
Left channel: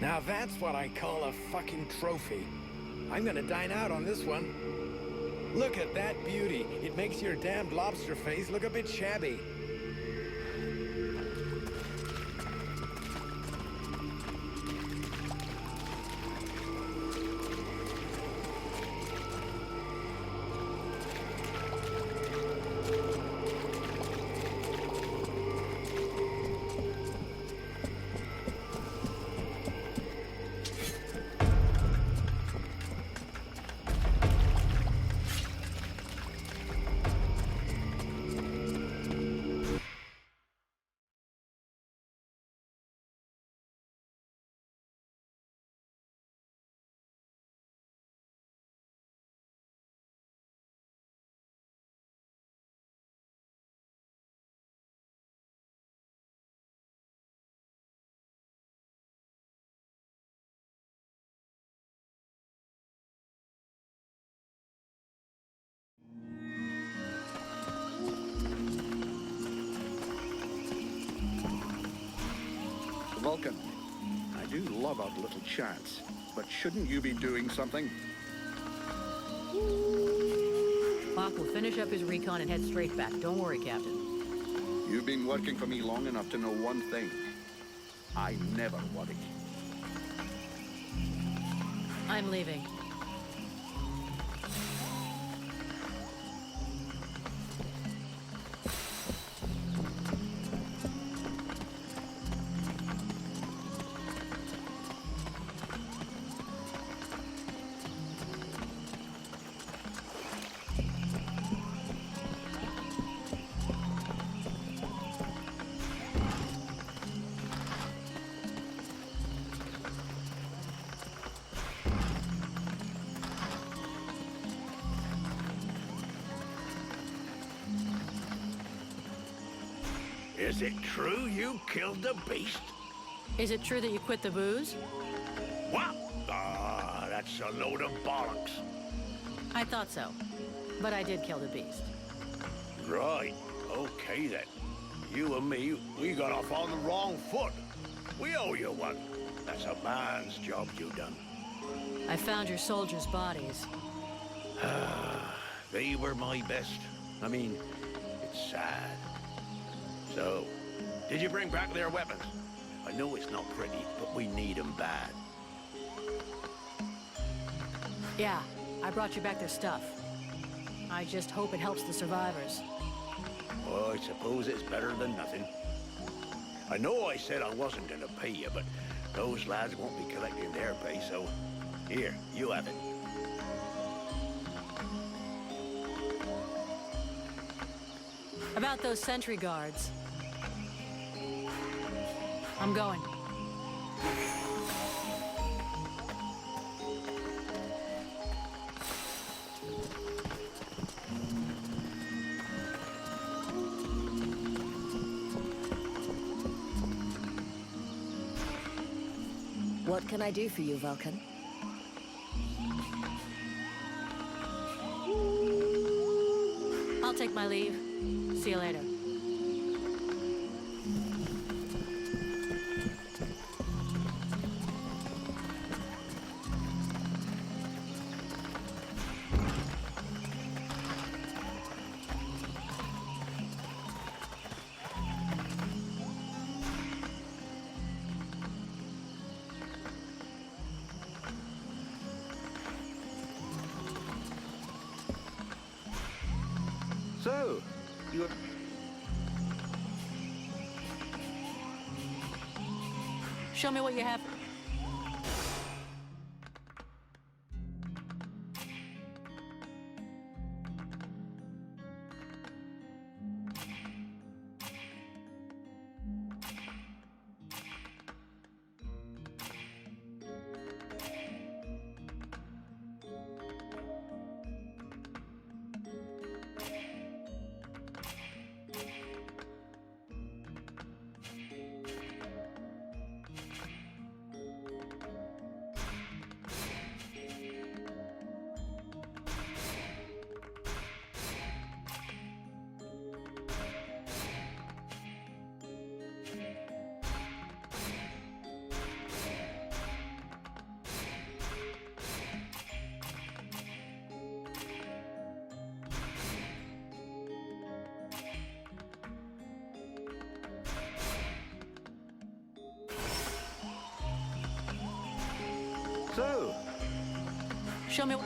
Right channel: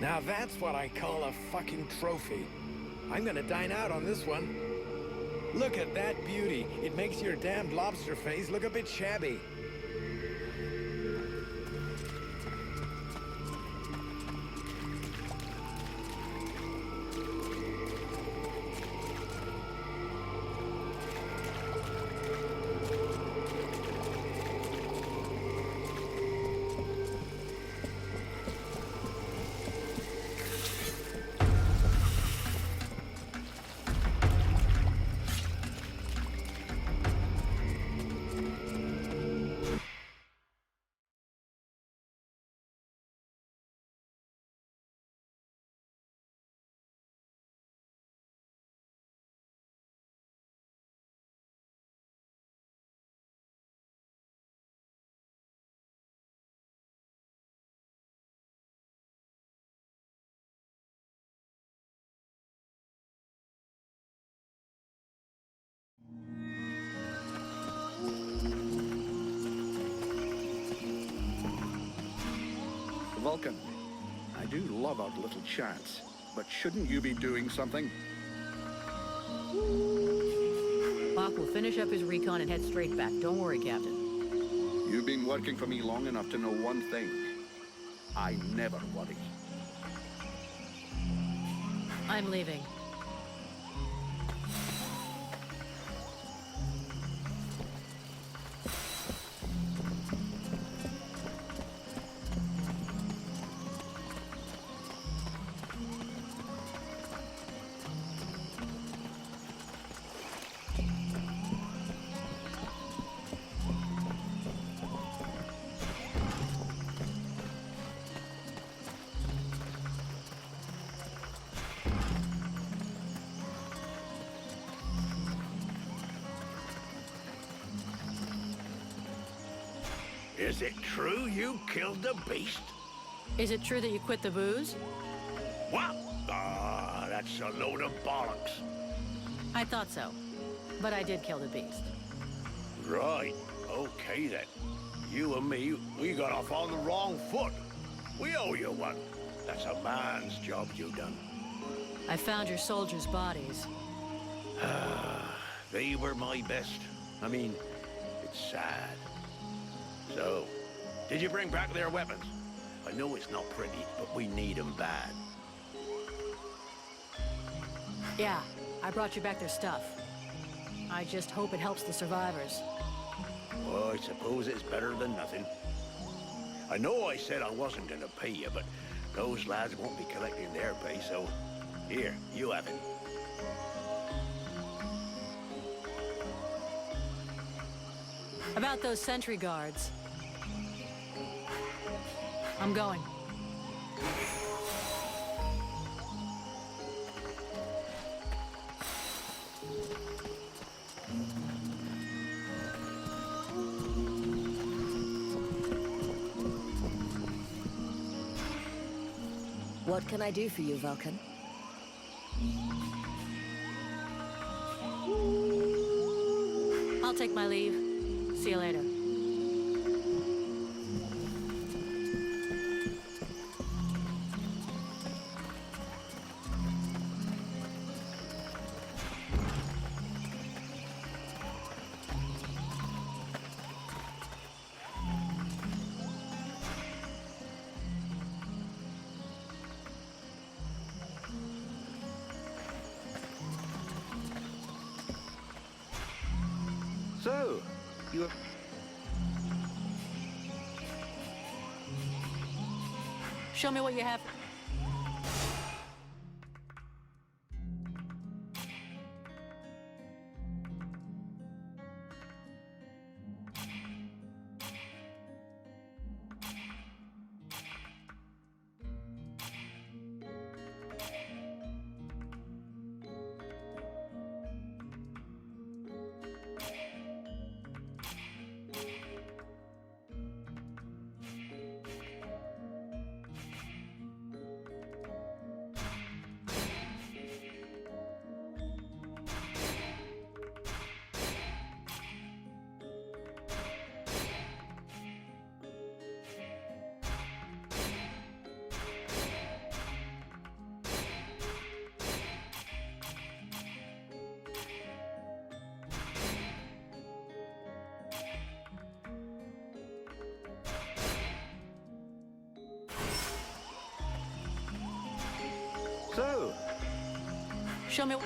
Now that's what I call a fucking trophy. I'm gonna dine out on this one. Look at that beauty. It makes your damned lobster face look a bit shabby. Vulcan, I do love our little chats, but shouldn't you be doing something? Locke will finish up his recon and head straight back. Don't worry, Captain. You've been working for me long enough to know one thing. I never worry. I'm leaving. Is it true you killed the beast? Is it true that you quit the booze? What? Ah, that's a load of bollocks. I thought so. But I did kill the beast. Right. Okay then. You and me, we got off on the wrong foot. We owe you one. That's a man's job you done. I found your soldiers' bodies. They were my best. I mean, it's sad. So, did you bring back their weapons? I know it's not pretty, but we need them bad. Yeah, I brought you back their stuff. I just hope it helps the survivors. Well, I suppose it's better than nothing. I know I said I wasn't gonna pay you, but those lads won't be collecting their pay, so here, you have it. About those sentry guards. I'm going. What can I do for you, Vulcan? I'll take my leave. See you later. So, you... Show me what you have. So, Show me.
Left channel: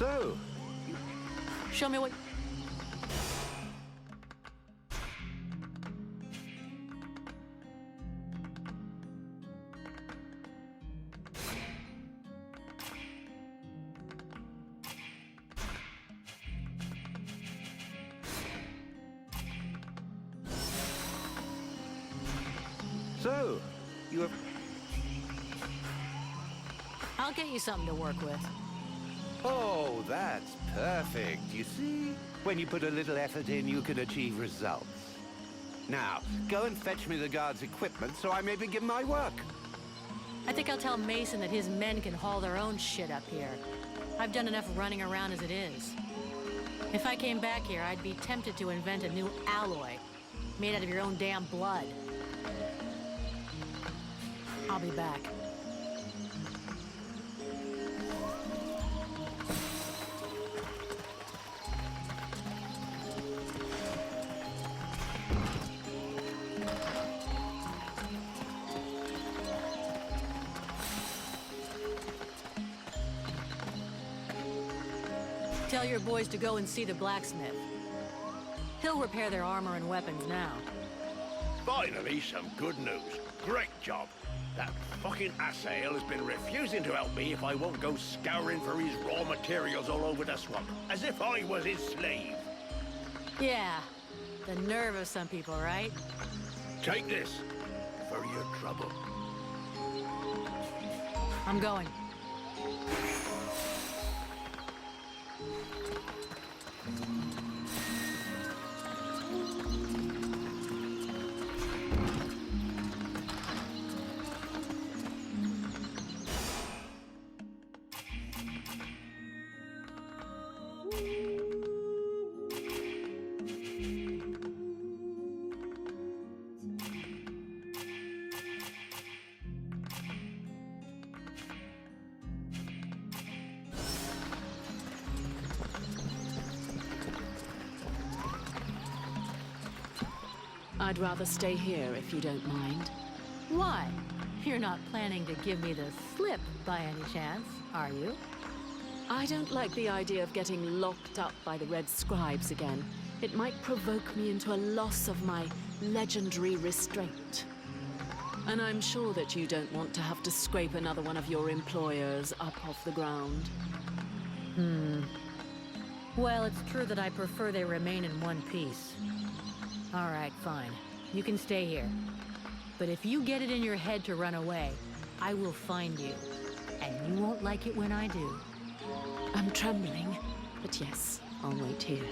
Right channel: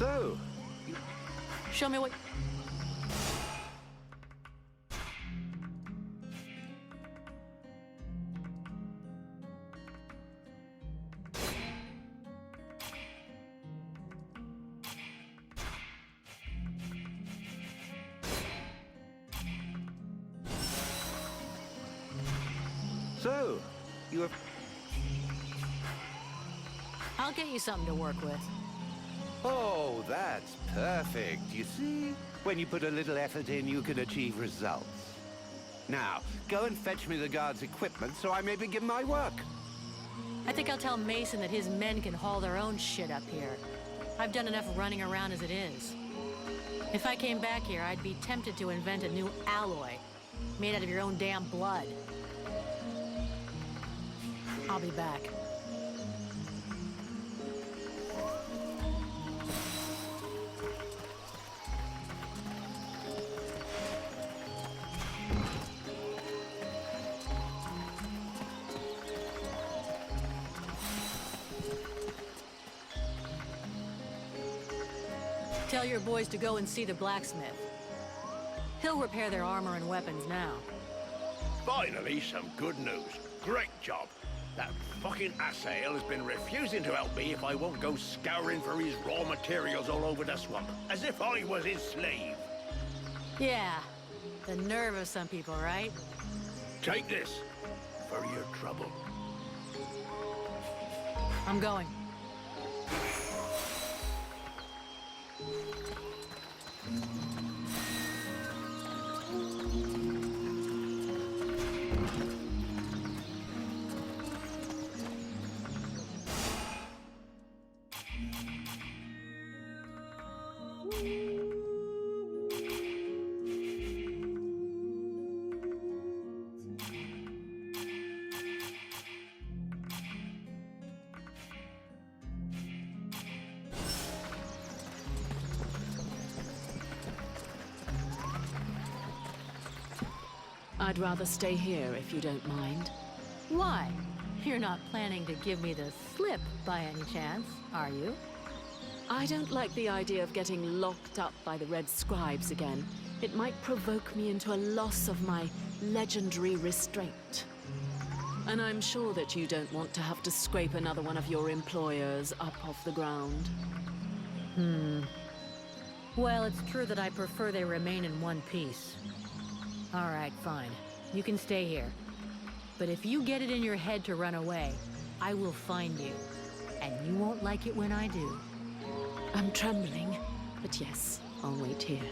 so, Show me what. So, you have... I'll get you something to work with. Oh, that's perfect. You see? When you put a little effort in, you can achieve results. Now, go and fetch me the guard's equipment so I may begin my work. I think I'll tell Mason that his men can haul their own shit up here. I've done enough running around as it is. If I came back here, I'd be tempted to invent a new alloy, made out of your own damn blood. I'll be back. Tell your boys to go and see the blacksmith. He'll repair their armor and weapons now. Finally, some good news. Great job. That fucking Asael has been refusing to help me if I won't go scouring for his raw materials all over the swamp, as if I was his slave. Yeah, the nerve of some people, right? Take this for your trouble. I'm going. I'd rather stay here if you don't mind. Why? You're not planning to give me the slip by any chance, are you? I don't like the idea of getting locked up by the Red Scribes again. It might provoke me into a loss of my legendary restraint. And I'm sure that you don't want to have to scrape another one of your employers up off the ground. Well, it's true that I prefer they remain in one piece. All right, fine. You can stay here. But if you get it in your head to run away, I will find you. And you won't like it when I do. I'm trembling, but yes, I'll wait here.